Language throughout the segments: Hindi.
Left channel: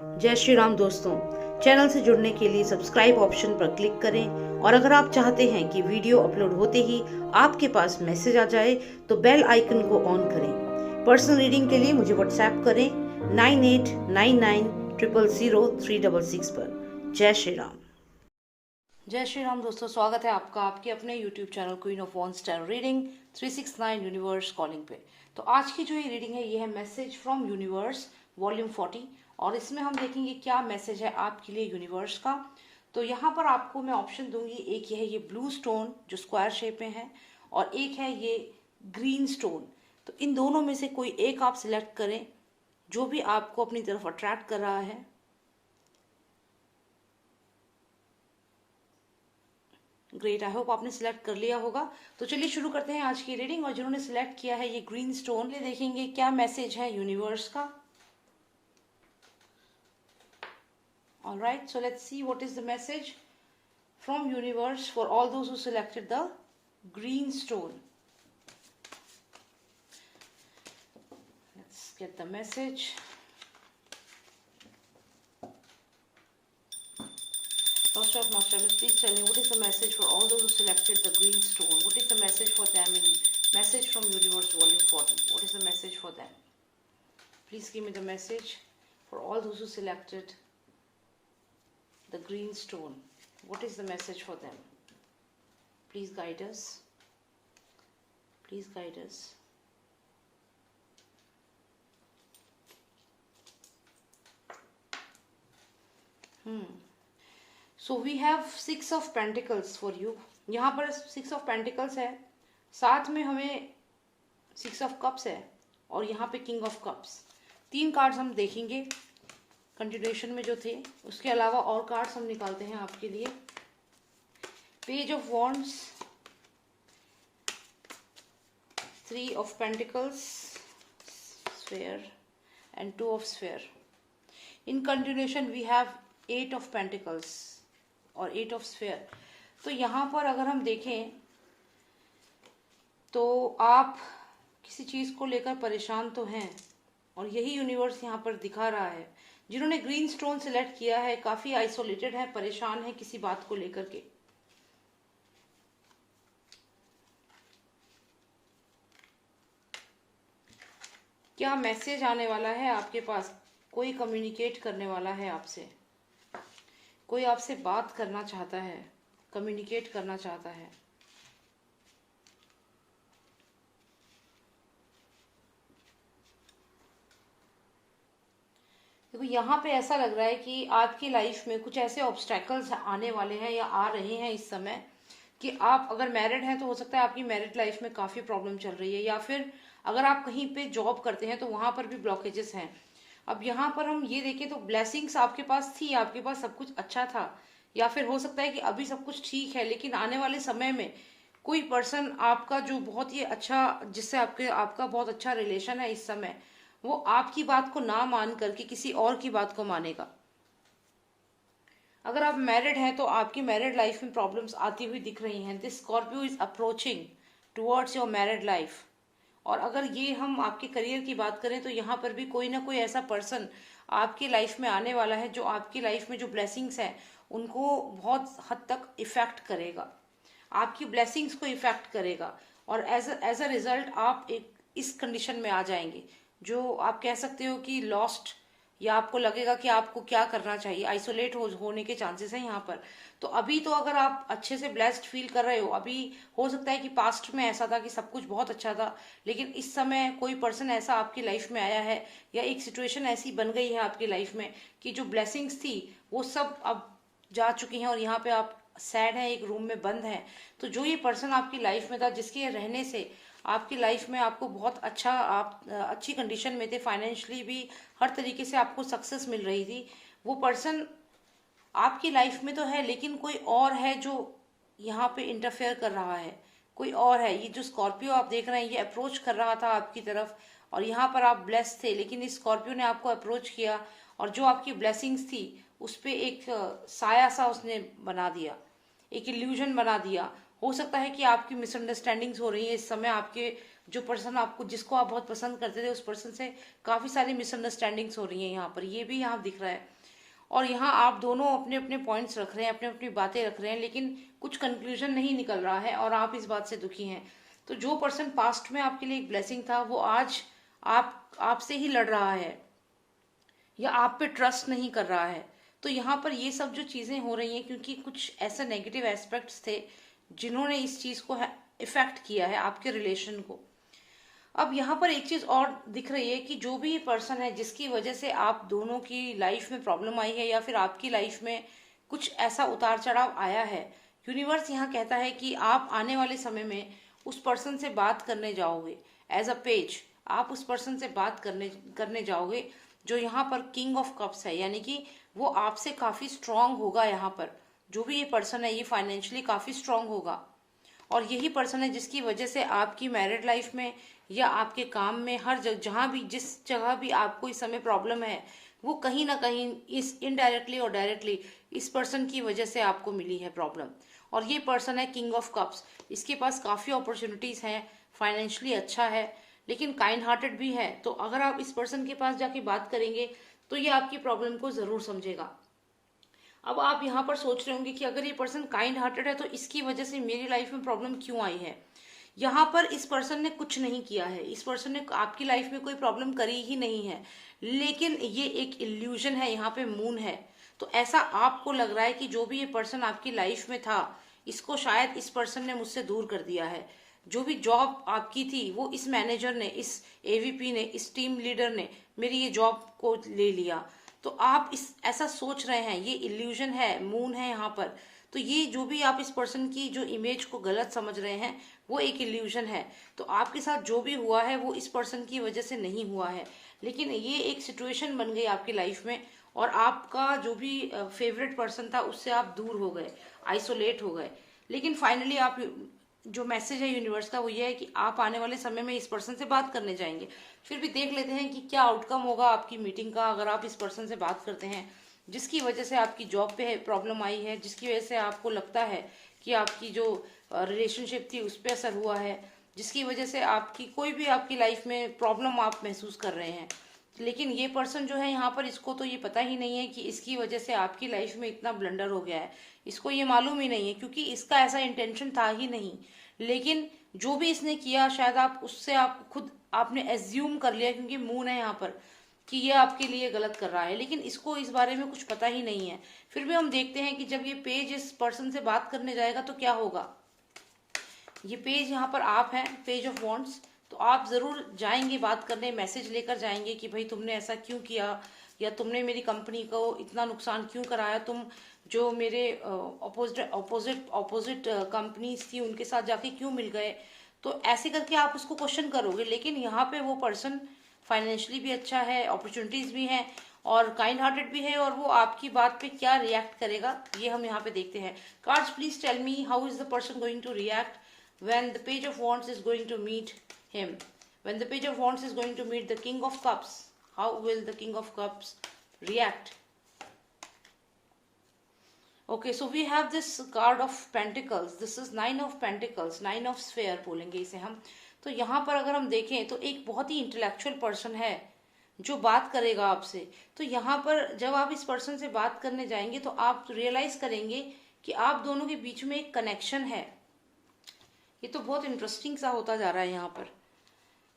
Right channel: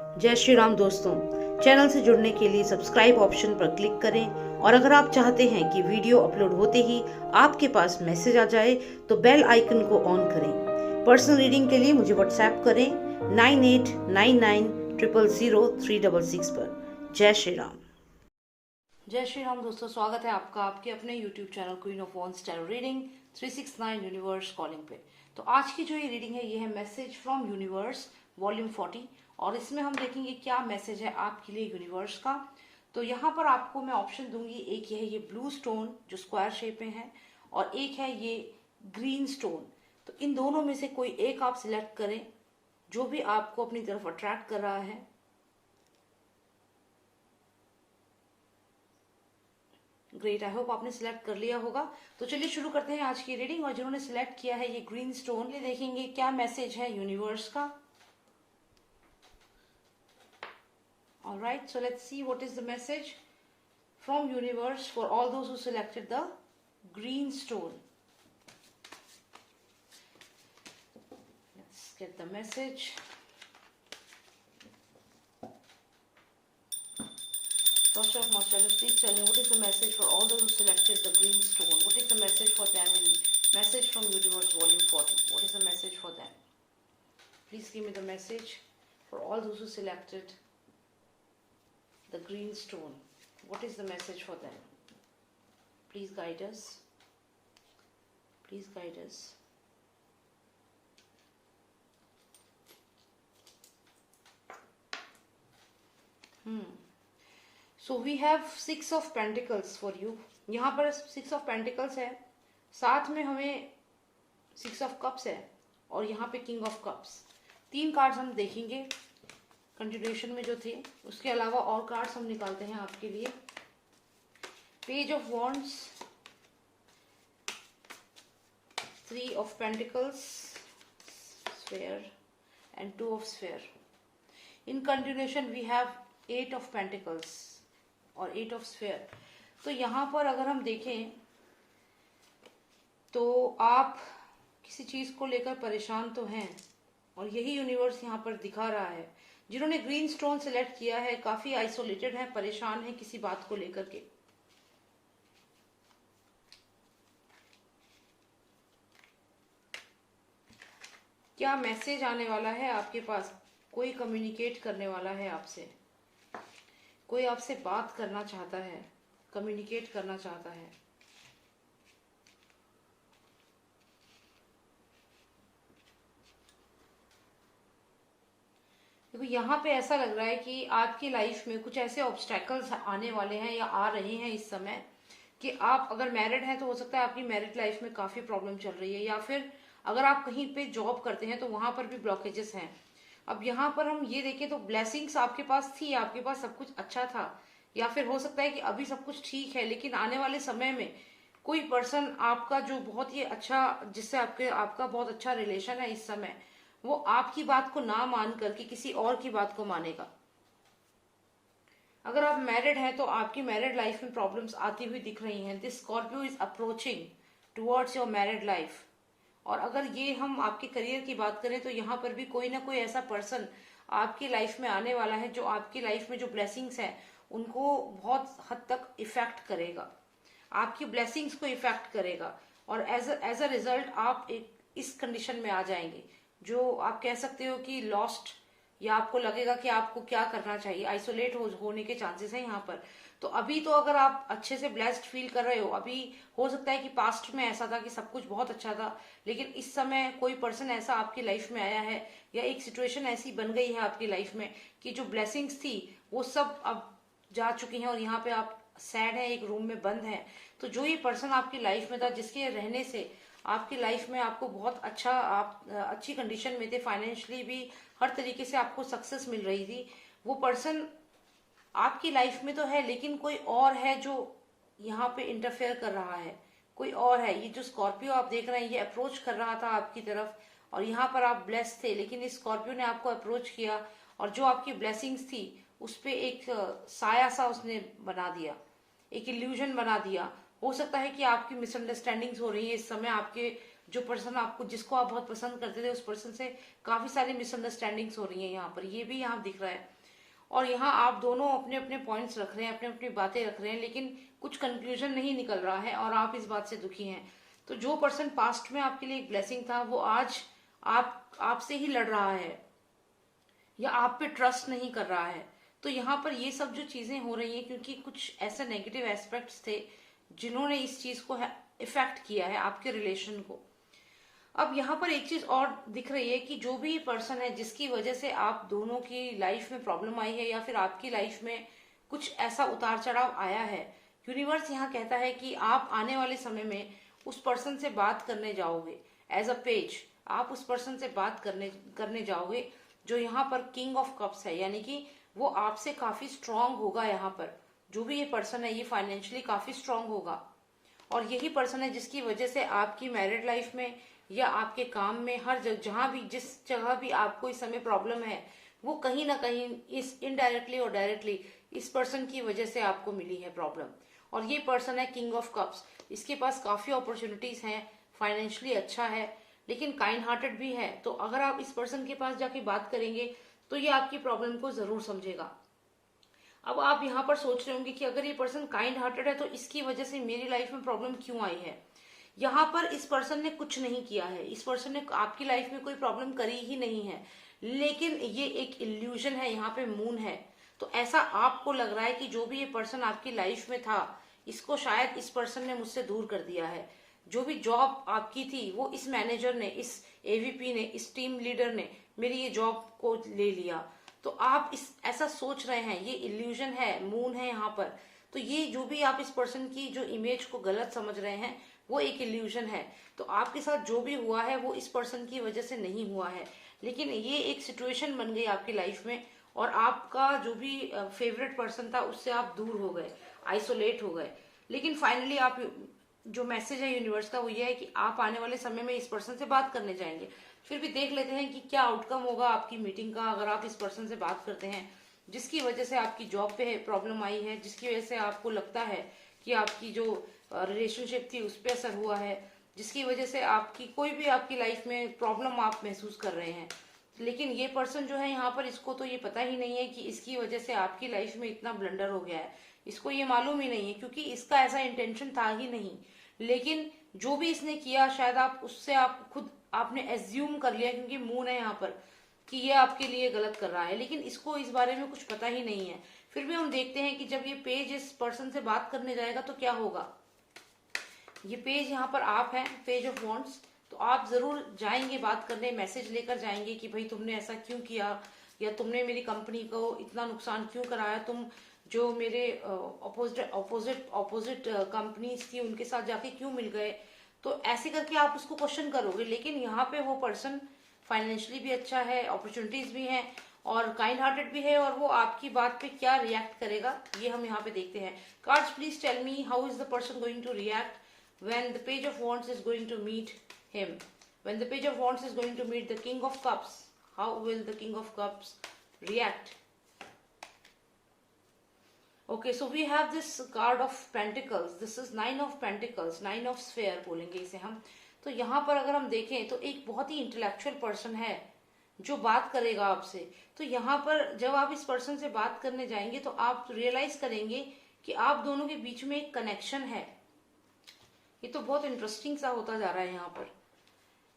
जय श्री राम दोस्तों। चैनल से जुड़ने के लिए सब्सक्राइब ऑप्शन पर क्लिक करें और अगर आप चाहते हैं कि वीडियो अपलोड होते ही आपके पास मैसेज आ जाए तो बेल आइकन को ऑन करें। पर्सनल रीडिंग के लिए मुझे व्हाट्सएप करें 9899000366 पर। जय श्री राम। जय श्री राम दोस्तों, स्वागत है आपका आपके अपने YouTube channel queen of wands tarot reading 369 universe calling पे। तो आज की जो ये रीडिंग है ये है मैसेज फ्रॉम यूनिवर्स वॉल्यूम 40 और इसमें हम देखेंगे क्या मैसेज है आपके लिए यूनिवर्स का। तो यहाँ पर आपको मैं ऑप्शन दूंगी, एक ये है ये ब्लू स्टोन जो स्क्वायर शेप में है और एक है ये ग्रीन स्टोन। तो इन दोनों में से कोई एक आप सिलेक्ट करें जो भी आपको अपनी तरफ अट्रैक्ट कर रहा है। ग्रेट, आई होप आपने सिलेक्ट कर लिया होगा। तो चलिए शुरू करते हैं आज की रीडिंग। और जिन्होंने सिलेक्ट किया है ये ग्रीन स्टोन, ये देखेंगे क्या मैसेज है यूनिवर्स का। Alright, so let's see what is the message from universe for all those who selected the green stone. Let's get the message. Master of Master, please tell me what is the message for all those who selected the green stone? What is the message for them in Message from Universe Volume 40? What is the message for them? Please give me the message for all those who selected the green stone. What is the message for them? Please guide us. Please guide us. So we have 6 of pentacles for you. यहाँ पर 6 ऑफ पेंटिकल्स है, साथ में हमें 6 ऑफ कप्स है और यहाँ पे किंग ऑफ कप्स। 3 कार्ड्स हम देखेंगे कंटिन्यूएशन में जो थे, उसके अलावा और कार्ड्स हम निकालते हैं आपके लिए। Page of wands, 3 of pentacles, sphere and 2 of sphere. In continuation we have 8 of pentacles और 8 ऑफ स्फेयर। तो यहाँ पर अगर हम देखें तो आप किसी चीज को लेकर परेशान तो हैं और यही यूनिवर्स यहाँ पर दिखा रहा है। जिन्होंने ग्रीन स्टोन सिलेक्ट किया है काफी आइसोलेटेड है, परेशान है किसी बात को लेकर के। क्या मैसेज आने वाला है आपके पास? कोई कम्युनिकेट करने वाला है आपसे, कोई आपसे बात करना चाहता है, कम्युनिकेट करना चाहता है। देखो यहाँ पे ऐसा लग रहा है कि आपकी लाइफ में कुछ ऐसे ऑब्स्टेकल्स आने वाले हैं या आ रहे हैं इस समय कि आप अगर मैरिड हैं तो हो सकता है आपकी मैरिड लाइफ में काफी प्रॉब्लम चल रही है, या फिर अगर आप कहीं पे जॉब करते हैं तो वहां पर भी ब्लॉकेजेस हैं। अब यहाँ पर हम ये देखें तो ब्लेसिंग्स आपके पास थी, आपके पास सब कुछ अच्छा था, या फिर हो सकता है कि अभी सब कुछ ठीक है लेकिन आने वाले समय में कोई पर्सन आपका जो बहुत ही अच्छा, जिससे आपका बहुत अच्छा रिलेशन है इस समय, वो आपकी बात को ना मान करके किसी और की बात को मानेगा। अगर आप मैरिड हैं तो आपकी मैरिड लाइफ में प्रॉब्लम्स आती हुई दिख रही हैं। This Scorpio is approaching towards your married life. और अगर ये हम आपके करियर की बात करें तो यहाँ पर भी कोई ना कोई ऐसा पर्सन आपकी लाइफ में आने वाला है जो आपकी लाइफ में जो ब्लेसिंग्स हैं उनको बहुत हद तक इफेक्ट करेगा, आपकी ब्लेसिंग्स को इफेक्ट करेगा। और एज अ रिजल्ट आप एक इस कंडीशन में आ जाएंगे जो आप कह सकते हो कि लॉस्ट, या आपको लगेगा कि आपको क्या करना चाहिए। आइसोलेट होने के चांसेस हैं यहाँ पर। तो अभी तो अगर आप अच्छे से ब्लेस्ड फील कर रहे हो, अभी हो सकता है कि पास्ट में ऐसा था कि सब कुछ बहुत अच्छा था, लेकिन इस समय कोई पर्सन ऐसा आपकी लाइफ में आया है या एक सिचुएशन ऐसी बन गई है आपकी लाइफ में कि जो ब्लेसिंग्स थी वो सब अब जा चुकी हैं और यहाँ पे आप सैड है, एक रूम में बंद है। तो जो ये पर्सन आपकी लाइफ में था जिसके रहने से आपकी लाइफ में आपको बहुत अच्छा, आप अच्छी कंडीशन में थे, फाइनेंशियली भी हर तरीके से आपको सक्सेस मिल रही थी, वो पर्सन आपकी लाइफ में तो है लेकिन कोई और है जो यहाँ पे इंटरफेयर कर रहा है। कोई और है। ये जो स्कॉर्पियो आप देख रहे हैं ये अप्रोच कर रहा था आपकी तरफ और यहाँ पर आप ब्लेस थे, लेकिन इस स्कॉर्पियो ने आपको अप्रोच किया और जो आपकी ब्लेसिंग्स थी उस पर एक साया सा उसने बना दिया, एक इल्यूजन बना दिया। हो सकता है कि आपकी मिसअंडरस्टैंडिंग्स हो रही है इस समय आपके जो पर्सन आपको, जिसको आप बहुत पसंद करते थे, उस पर्सन से काफी सारी मिसअंडरस्टैंडिंग्स हो रही हैं यहाँ पर, ये भी यहाँ दिख रहा है। और यहाँ आप दोनों अपने अपने पॉइंट्स रख रहे हैं, अपने अपनी बातें रख रहे हैं, लेकिन कुछ कंक्लूजन नहीं निकल रहा है और आप इस बात से दुखी हैं। तो जो पर्सन पास्ट में आपके लिए एक ब्लेसिंग था, वो आज आपसे ही लड़ रहा है या आप पे ट्रस्ट नहीं कर रहा है। तो यहाँ पर ये सब जो चीजें हो रही हैं, क्योंकि कुछ ऐसे नेगेटिव एस्पेक्ट्स थे जिन्होंने इस चीज को इफेक्ट किया है आपके रिलेशन को। अब यहाँ पर एक चीज और दिख रही है कि जो भी पर्सन है जिसकी वजह से आप दोनों की लाइफ में प्रॉब्लम आई है या फिर आपकी लाइफ में कुछ ऐसा उतार चढ़ाव आया है, यूनिवर्स यहाँ कहता है कि आप आने वाले समय में उस पर्सन से बात करने जाओगे एज अ पेज। आप उस पर्सन से बात करने जाओगे जो यहाँ पर किंग ऑफ कप्स है, यानी कि वो आपसे काफी स्ट्रांग होगा। यहाँ पर जो भी ये पर्सन है ये फाइनेंशियली काफी स्ट्रांग होगा, और यही पर्सन है जिसकी वजह से आपकी मैरिड लाइफ में या आपके काम में, हर जहां भी, जिस जगह भी आपको इस समय प्रॉब्लम है, वो कहीं ना कहीं इस इनडायरेक्टली और डायरेक्टली इस पर्सन की वजह से आपको मिली है प्रॉब्लम। और ये पर्सन है किंग ऑफ कप्स। इसके पास काफी अपॉर्चुनिटीज हैं, फाइनेंशियली अच्छा है, लेकिन काइंड हार्टेड भी है। तो अगर आप इस पर्सन के पास जाके बात करेंगे तो ये आपकी प्रॉब्लम को जरूर समझेगा। अब आप यहाँ पर सोच रहे होंगे कि अगर ये पर्सन काइंड हार्टेड है तो इसकी वजह से मेरी लाइफ में प्रॉब्लम क्यों आई है। यहाँ पर इस पर्सन ने कुछ नहीं किया है, इस पर्सन ने आपकी लाइफ में कोई प्रॉब्लम करी ही नहीं है, लेकिन ये एक इल्यूजन है, यहाँ पे मून है। तो ऐसा आपको लग रहा है कि जो भी ये पर्सन आपकी लाइफ में था, इसको शायद इस पर्सन ने मुझसे दूर कर दिया है। जो भी जॉब आपकी थी वो इस मैनेजर ने, इस एवीपी ने, इस टीम लीडर ने मेरी ये जॉब को ले लिया। तो आप इस ऐसा सोच रहे हैं, ये इल्यूजन है, मून है यहाँ पर। तो ये जो भी आप इस पर्सन की जो इमेज को गलत समझ रहे हैं वो एक इल्यूजन है। तो आपके साथ जो भी हुआ है वो इस पर्सन की वजह से नहीं हुआ है, लेकिन ये एक सिचुएशन बन गई आपकी लाइफ में, और आपका जो भी फेवरेट पर्सन था उससे आप दूर हो गए, आइसोलेट हो गए। लेकिन फाइनली आप, जो मैसेज है यूनिवर्स का वो ये है कि आप आने वाले समय में इस पर्सन से बात करने जाएंगे। फिर भी देख लेते हैं कि क्या आउटकम होगा आपकी मीटिंग का। अगर आप इस पर्सन से बात करते हैं जिसकी वजह से आपकी जॉब पे प्रॉब्लम आई है, जिसकी वजह से आपको लगता है कि आपकी जो रिलेशनशिप थी उस पर असर हुआ है, जिसकी वजह से आपकी कोई भी आपकी लाइफ में प्रॉब्लम आप महसूस कर रहे हैं, लेकिन ये पर्सन जो है यहाँ पर, इसको तो ये पता ही नहीं है कि इसकी वजह से आपकी लाइफ में इतना ब्लंडर हो गया है। इसको ये मालूम ही नहीं है, क्योंकि इसका ऐसा इंटेंशन था ही नहीं। लेकिन जो भी इसने किया, शायद आप उससे, आप खुद आपने एज्यूम कर लिया, क्योंकि मून है यहाँ पर, कि ये आपके लिए गलत कर रहा है, लेकिन इसको इस बारे में कुछ पता ही नहीं है। फिर भी हम देखते हैं कि जब ये पेज इस पर्सन से बात करने जाएगा तो क्या होगा। ये पेज यहाँ पर आप हैं, पेज ऑफ वॉन्ड्स। तो आप जरूर जाएंगे बात करने, मैसेज लेकर जाएंगे कि भाई तुमने ऐसा क्यों किया, या तुमने मेरी कंपनी को इतना नुकसान क्यों कराया, तुम जो मेरे ऑपोजिट कंपनीज थी उनके साथ जाके क्यों मिल गए। तो ऐसे करके आप उसको क्वेश्चन करोगे। लेकिन यहाँ पे वो पर्सन फाइनेंशियली भी अच्छा है, अपॉर्चुनिटीज भी हैं, और काइंड हार्टेड भी है, और वो आपकी बात पे क्या रिएक्ट करेगा ये हम यहाँ पे देखते हैं। Cards please tell me how is the person going to react when the page of wands is going to meet him, when the page of wands is going to meet the king of cups. How will the king of cups react? Okay, so we have this card of pentacles. This is 9 of pentacles, 9 of sphere बोलेंगे इसे हम। तो यहाँ पर अगर हम देखें तो एक बहुत ही इंटेलेक्चुअल पर्सन है जो बात करेगा आपसे। तो यहाँ पर जब आप इस पर्सन से बात करने जाएंगे तो आप रियलाइज करेंगे कि आप दोनों के बीच में एक कनेक्शन है। ये तो बहुत इंटरेस्टिंग सा होता जा रहा है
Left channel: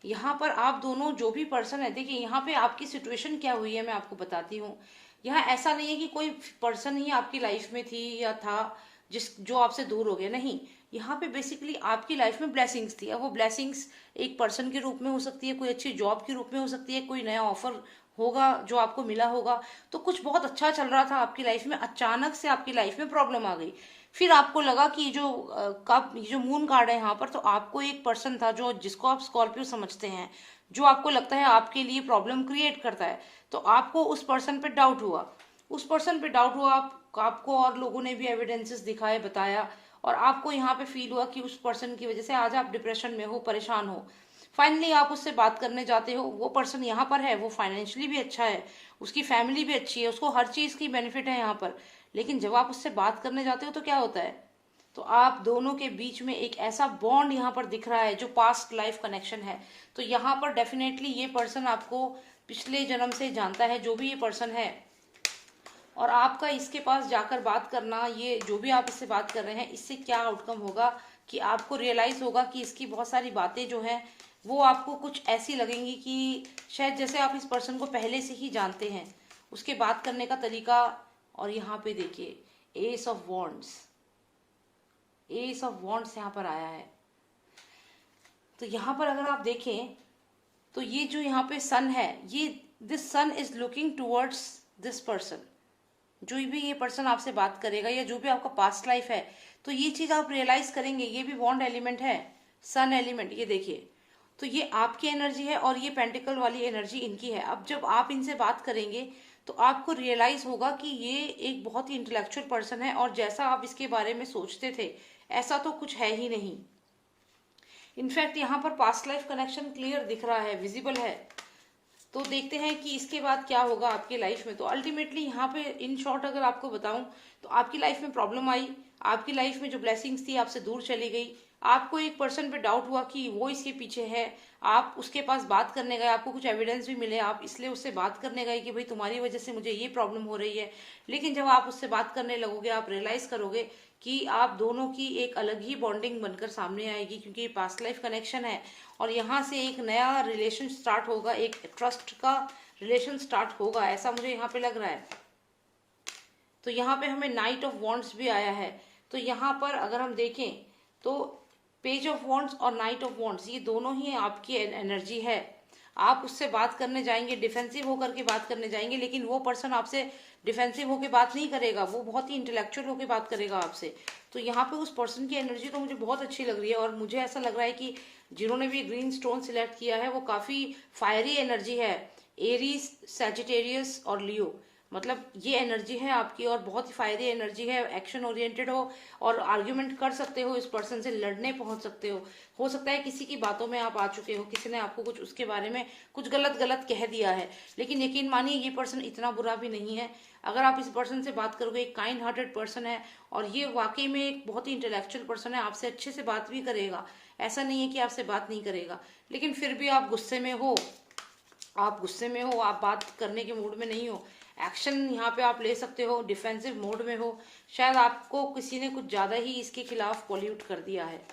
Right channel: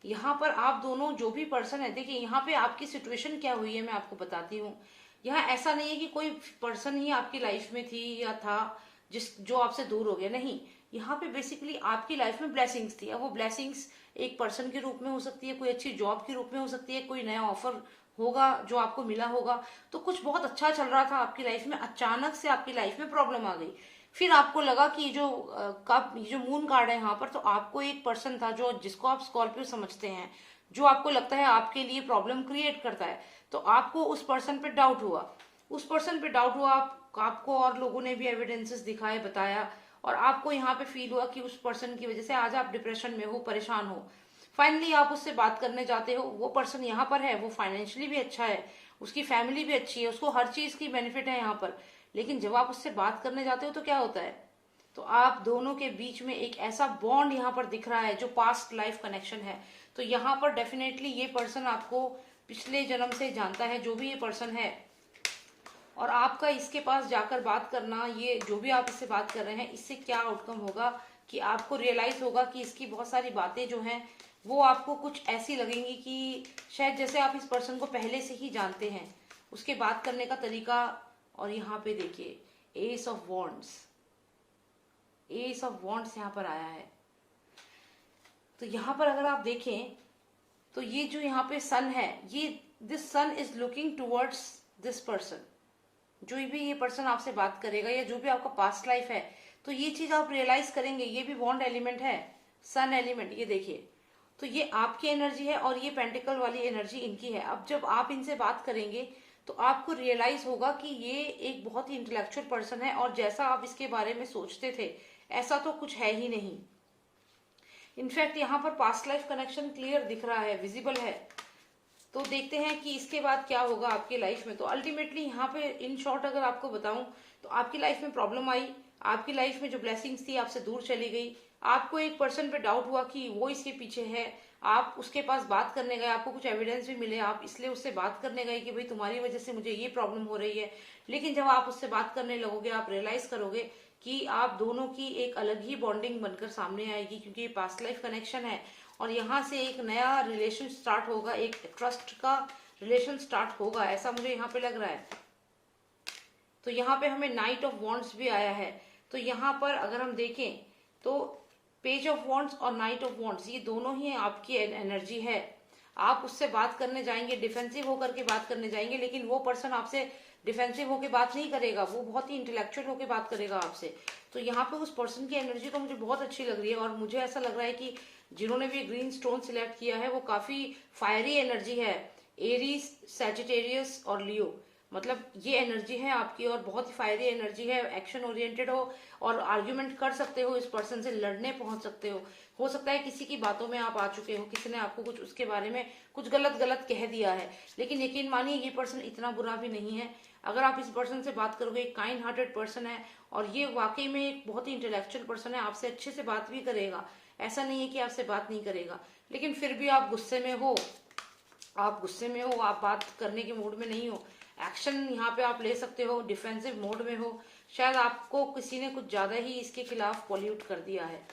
यहाँ पर आप दोनों, जो भी पर्सन है, देखिए यहाँ पे आपकी सिचुएशन क्या हुई है मैं आपको बताती हूँ। यहाँ ऐसा नहीं है कि कोई पर्सन ही आपकी लाइफ में थी या था जो आपसे दूर हो गया, नहीं। यहाँ पे बेसिकली आपकी लाइफ में ब्लेसिंग्स थी। अब वो ब्लेसिंग्स एक पर्सन के रूप में हो सकती है, कोई अच्छी जॉब के रूप में हो सकती है, कोई नया ऑफर होगा जो आपको मिला होगा। तो कुछ बहुत अच्छा चल रहा था आपकी लाइफ में, अचानक से आपकी लाइफ में प्रॉब्लम आ गई। फिर आपको लगा कि जो मून कार्ड है यहाँ पर, तो आपको एक पर्सन था जो, जिसको आप स्कॉर्पियो समझते हैं, जो आपको लगता है आपके लिए प्रॉब्लम क्रिएट करता है। तो आपको उस पर्सन पे डाउट हुआ, आपको और लोगों ने भी एविडेंसेस दिखाए, बताया, और आपको यहाँ पे फील हुआ कि उस पर्सन की वजह से आज आप डिप्रेशन में हो, परेशान हो। फाइनली आप उससे बात करने जाते हो। वो पर्सन यहाँ पर है, वो फाइनेंशियली भी अच्छा है, उसकी फैमिली भी अच्छी है, उसको हर चीज की बेनिफिट है यहाँ पर। लेकिन जब आप उससे बात करने जाते हो तो क्या होता है, तो आप दोनों के बीच में एक ऐसा बॉन्ड यहाँ पर दिख रहा है जो पास्ट लाइफ कनेक्शन है। तो यहाँ पर डेफिनेटली ये पर्सन आपको पिछले जन्म से जानता है, जो भी ये पर्सन है। और आपका इसके पास जाकर बात करना, ये जो भी आप इससे बात कर रहे हैं, इससे क्या आउटकम होगा कि आपको रियलाइज होगा कि इसकी बहुत सारी बातें जो हैं वो आपको कुछ ऐसी लगेंगी कि शायद जैसे आप इस पर्सन को पहले से ही जानते हैं, उसके बात करने का तरीका। और यहाँ पे देखिए S of wands, S of wands यहाँ पर आया है। तो यहाँ पर अगर आप देखें तो ये जो यहाँ पे सन है, ये this sun is looking towards this person. जो भी ये पर्सन आपसे बात करेगा या जो भी आपका पास्ट लाइफ है, तो ये चीज आप रियलाइज करेंगे। ये भी बॉन्ड एलिमेंट है, सन एलिमेंट, ये देखिए। तो ये आपकी एनर्जी है और ये पेंटिकल वाली एनर्जी इनकी है। अब जब आप इनसे बात करेंगे तो आपको रियलाइज होगा कि ये एक बहुत ही इंटेलेक्चुअल पर्सन है, और जैसा आप इसके बारे में सोचते थे ऐसा तो कुछ है ही नहीं। इनफैक्ट यहाँ पर पास्ट लाइफ कनेक्शन क्लियर दिख रहा है, विजिबल है। तो देखते हैं कि इसके बाद क्या होगा आपके लाइफ में। तो अल्टीमेटली यहाँ पे इन शॉर्ट अगर आपको बताऊं तो आपकी लाइफ में प्रॉब्लम आई, आपकी लाइफ में जो ब्लेसिंग्स थी आपसे दूर चली गई, आपको एक पर्सन पे डाउट हुआ कि वो इसके पीछे है, आप उसके पास बात करने गए, आपको कुछ एविडेंस भी मिले, आप इसलिए उससे बात करने गए कि भाई तुम्हारी वजह से मुझे ये प्रॉब्लम हो रही है। लेकिन जब आप उससे बात करने लगोगे आप रियलाइज करोगे कि आप दोनों की एक अलग ही बॉन्डिंग बनकर सामने आएगी, क्योंकि ये पास्ट लाइफ कनेक्शन है। और यहाँ से एक नया रिलेशन स्टार्ट होगा, एक ट्रस्ट का रिलेशन स्टार्ट होगा, ऐसा मुझे यहाँ पे लग रहा है। तो यहाँ पे हमें नाइट ऑफ वॉन्ड्स भी आया है। तो यहाँ पर अगर हम देखें तो पेज ऑफ वॉन्ड्स और नाइट ऑफ वॉन्ड्स ये दोनों ही आपकी एनर्जी है। आप उससे बात करने जाएंगे, डिफेंसिव होकर के बात करने जाएंगे, लेकिन वो पर्सन आपसे डिफेंसिव होकर बात नहीं करेगा, वो बहुत ही इंटेलेक्चुअल होकर बात करेगा आपसे। तो यहाँ पे उस पर्सन की एनर्जी तो मुझे बहुत अच्छी लग रही है, और मुझे ऐसा लग रहा है कि जिन्होंने भी ग्रीन स्टोन सिलेक्ट किया है वो काफी फायरी एनर्जी है। एरीज, सैजिटेरियस और लियो, मतलब ये एनर्जी है आपकी, और बहुत ही फायरी एनर्जी है। एक्शन ओरिएंटेड हो और आर्ग्यूमेंट कर सकते हो, इस पर्सन से लड़ने पहुंच सकते हो सकता है किसी की बातों में आप आ चुके हो, किसी ने आपको कुछ उसके बारे में कुछ गलत कह दिया है, लेकिन यकीन मानिए ये पर्सन इतना बुरा भी नहीं है। अगर आप इस पर्सन से बात करोगे, एक काइंड हार्टेड पर्सन है, और ये वाकई में एक बहुत ही इंटेलेक्चुअल पर्सन है, आपसे अच्छे से बात भी करेगा, ऐसा नहीं है कि आपसे बात नहीं करेगा। लेकिन फिर भी आप गुस्से में हो, आप बात करने के मूड में नहीं हो, एक्शन यहाँ पे आप ले सकते हो, डिफेंसिव मोड में हो, शायद आपको किसी ने कुछ ज्यादा ही इसके खिलाफ पॉल्यूट कर दिया है,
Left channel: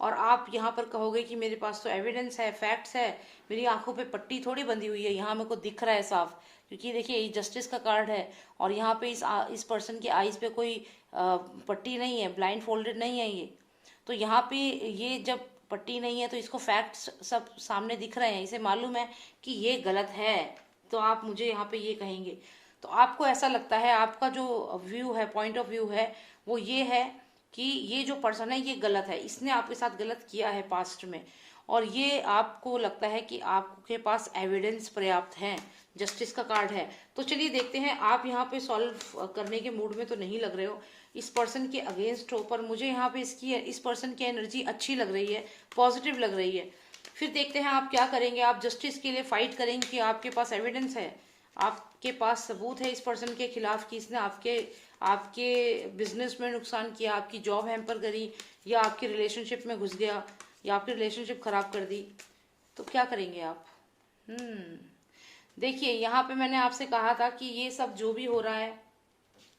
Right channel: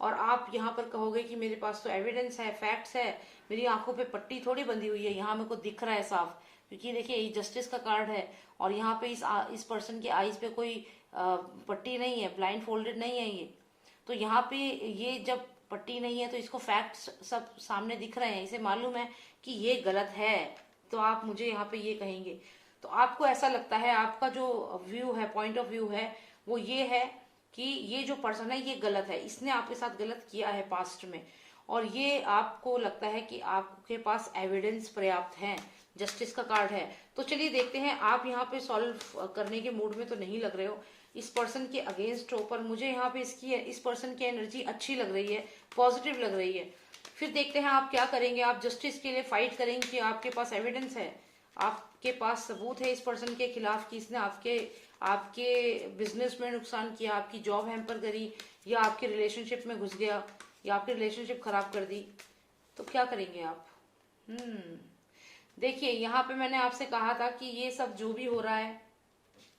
और आप यहाँ पर कहोगे कि मेरे पास तो एविडेंस है, फैक्ट्स है, मेरी आंखों पे पट्टी थोड़ी बंधी हुई है, यहाँ मेरे को दिख रहा है साफ, क्योंकि देखिए ये जस्टिस का कार्ड है, और यहाँ पे इस पर्सन की आईज पे कोई पट्टी नहीं है, ब्लाइंड फोल्डेड नहीं है ये। तो यहाँ पे ये जब पट्टी नहीं है तो इसको फैक्ट्स सब सामने दिख रहे हैं, इसे मालूम है कि ये गलत है, तो आप मुझे यहाँ पे ये कहेंगे। तो आपको ऐसा लगता है, आपका जो व्यू है, पॉइंट ऑफ व्यू है, वो ये है कि ये जो पर्सन है ये गलत है, इसने आपके साथ गलत किया है पास्ट में, और ये आपको लगता है कि आपके पास एविडेंस पर्याप्त है, जस्टिस का कार्ड है। तो चलिए देखते हैं, आप यहाँ पे सॉल्व करने के मूड में तो नहीं लग रहे हो इस पर्सन के अगेंस्ट हो, पर मुझे यहाँ पे इस पर्सन की एनर्जी अच्छी लग रही है, पॉजिटिव लग रही है। फिर देखते हैं आप क्या करेंगे, आप जस्टिस के लिए फाइट करेंगे कि आपके पास एविडेंस है, आपके पास सबूत है इस पर्सन के खिलाफ कि इसने आपके बिजनेस में नुकसान किया, आपकी जॉब हैम्पर करी, या आपके रिलेशनशिप में घुस गया, या आपकी रिलेशनशिप खराब कर दी। तो क्या करेंगे आप? देखिए यहाँ पे मैंने आपसे कहा था कि ये सब जो भी हो रहा है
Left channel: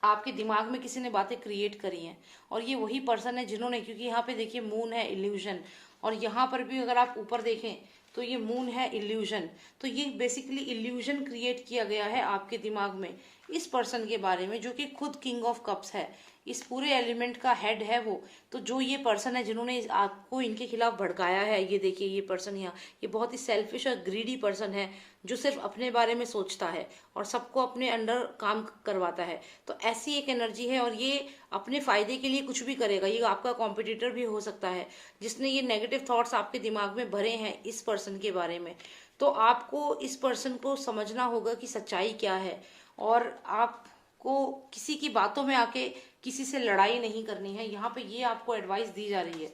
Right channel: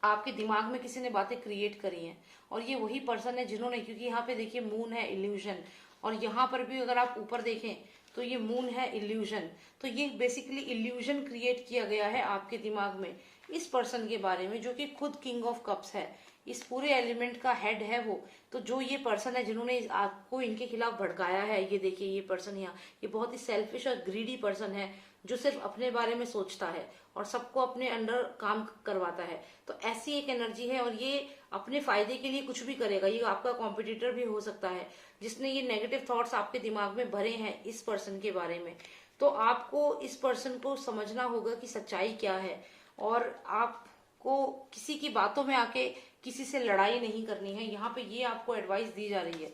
आपके दिमाग में किसी ने बातें क्रिएट करी हैं, और ये वही पर्सन है जिन्होंने, क्योंकि यहाँ पे देखिए मून है, इल्यूजन, और यहाँ पर भी अगर आप ऊपर देखें तो ये मून है, इल्यूजन। तो ये बेसिकली इल्यूजन क्रिएट किया गया है आपके दिमाग में इस पर्सन के बारे में, जो कि खुद किंग ऑफ कप्स है, इस पूरे एलिमेंट का हेड है वो। तो जो ये पर्सन है जिन्होंने आपको इनके खिलाफ भड़काया है, ये देखिए ये पर्सन यहाँ, ये बहुत ही सेल्फिश और ग्रीडी पर्सन है, जो सिर्फ अपने बारे में सोचता है और सबको अपने अंडर काम करवाता है। तो ऐसी एक एनर्जी है, और ये अपने फायदे के लिए कुछ भी करेगा। ये आपका कॉम्पिटिटर भी हो सकता है जिसने ये नेगेटिव थॉट्स आपके दिमाग में भरे हैं इस पर्सन के बारे में। तो आपको इस पर्सन को समझना होगा कि सच्चाई क्या है, और आपको किसी की बातों में आके किसी से लड़ाई नहीं करनी है। यहाँ पे ये आपको एडवाइस दी जा रही है।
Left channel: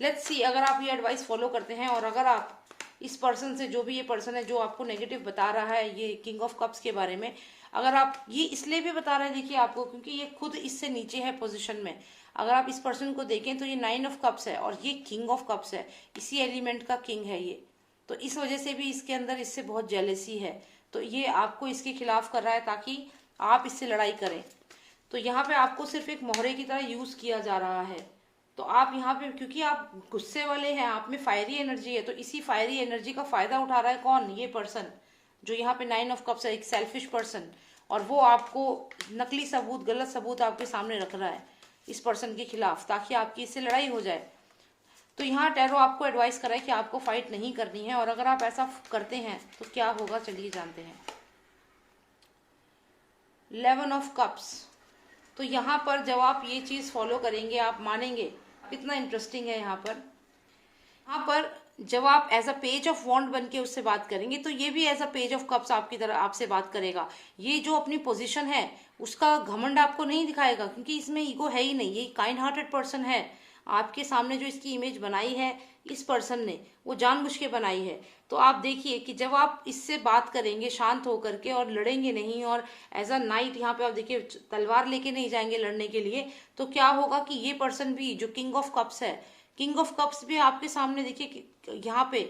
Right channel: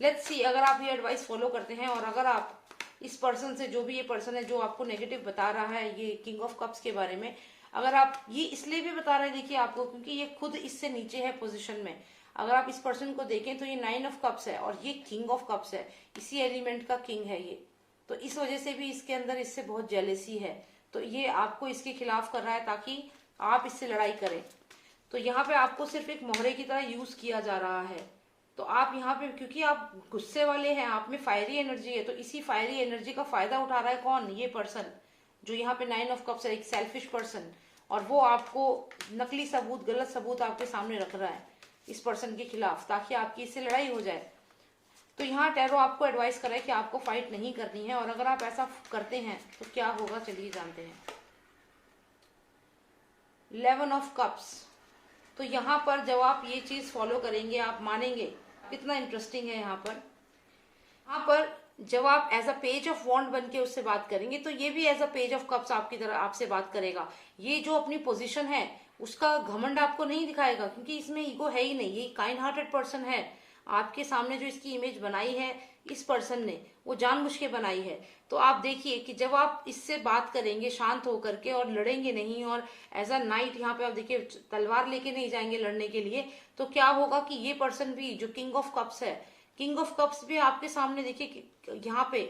लेट्स सी, अगर आप ये एडवाइस फॉलो करते हैं, और अगर आप इस पर्सन से, जो भी ये पर्सन है जो आपको नेगेटिव बता रहा है ये किंग ऑफ कप्स के बारे में, अगर आप ये इसलिए भी बता रहे हैं देखिए आपको, क्योंकि ये खुद इससे नीचे है पोजीशन में। अगर आप इस पर्सन को देखें तो ये 9 ऑफ कप्स है और ये किंग ऑफ कप्स है, इसी एलिमेंट का किंग है ये। तो इस वजह से भी इसके अंदर इससे बहुत जेलेसी है। तो ये आपको इसके खिलाफ कर रहा है ताकि आप इससे लड़ाई करें। तो यहाँ पे आपको सिर्फ एक मोहरे की तरह यूज किया जा रहा है। तो आप यहाँ पे, क्योंकि आप गुस्से वाले हैं, आप में फायरी एनर्जी है, तो इसी फायरी एनर्जी का फायदा उठा रहा है कौन? ये पर्सन जो यहाँ पे 9 ऑफ कप्स है, एक सेल्फिश पर्सन। और वो आपको नकली सबूत, गलत सबूत आपके सामने रख रहा है इस पर्सन के खिलाफ, ताकि आपकी इससे लड़ाई हो जाए। तो यहाँ टैरो आपको एडवाइस कर रहा है कि आपको फाइट नहीं करनी है, और अगर आप ऐसा करते हैं तो क्या होगा चलिए जानते हैं। 11 ऑफ कप्स। तो यहाँ पर जब आप ये चीज फॉलो करेंगे, आप मानेंगे कितना इंटरेस्टिंग है। यहाँ पर जब आप as a page of wand बन के उससे बात करेंगे, तो ये भी as a page of cups आपकी तरह आपसे बात करेगा। ये जो अपनी पोजीशन है उसका घमंड आपको नहीं दिखाएगा, क्योंकि इसमें ईगो है ही नहीं। ये काइंड हार्टेड पर्सन है। आपके सामने जो इसकी इमेज बनाई है इस पर्सन ने, वो जानबूझ के बनाई है। तो आप देखिए कि जब आप इससे बात करेंगे शांत होकर के और लड़ेंगे नहीं, और एज अ नाइट यहाँ पे आप देखिए तलवार लेके नहीं जाएंगे लड़ने के लिए, तो क्या होगा कि ये पर्सन भी जो किंग ऑफ कप्स है, किंग ऑफ कप्स भी आपके सामने देखिए यहाँ पे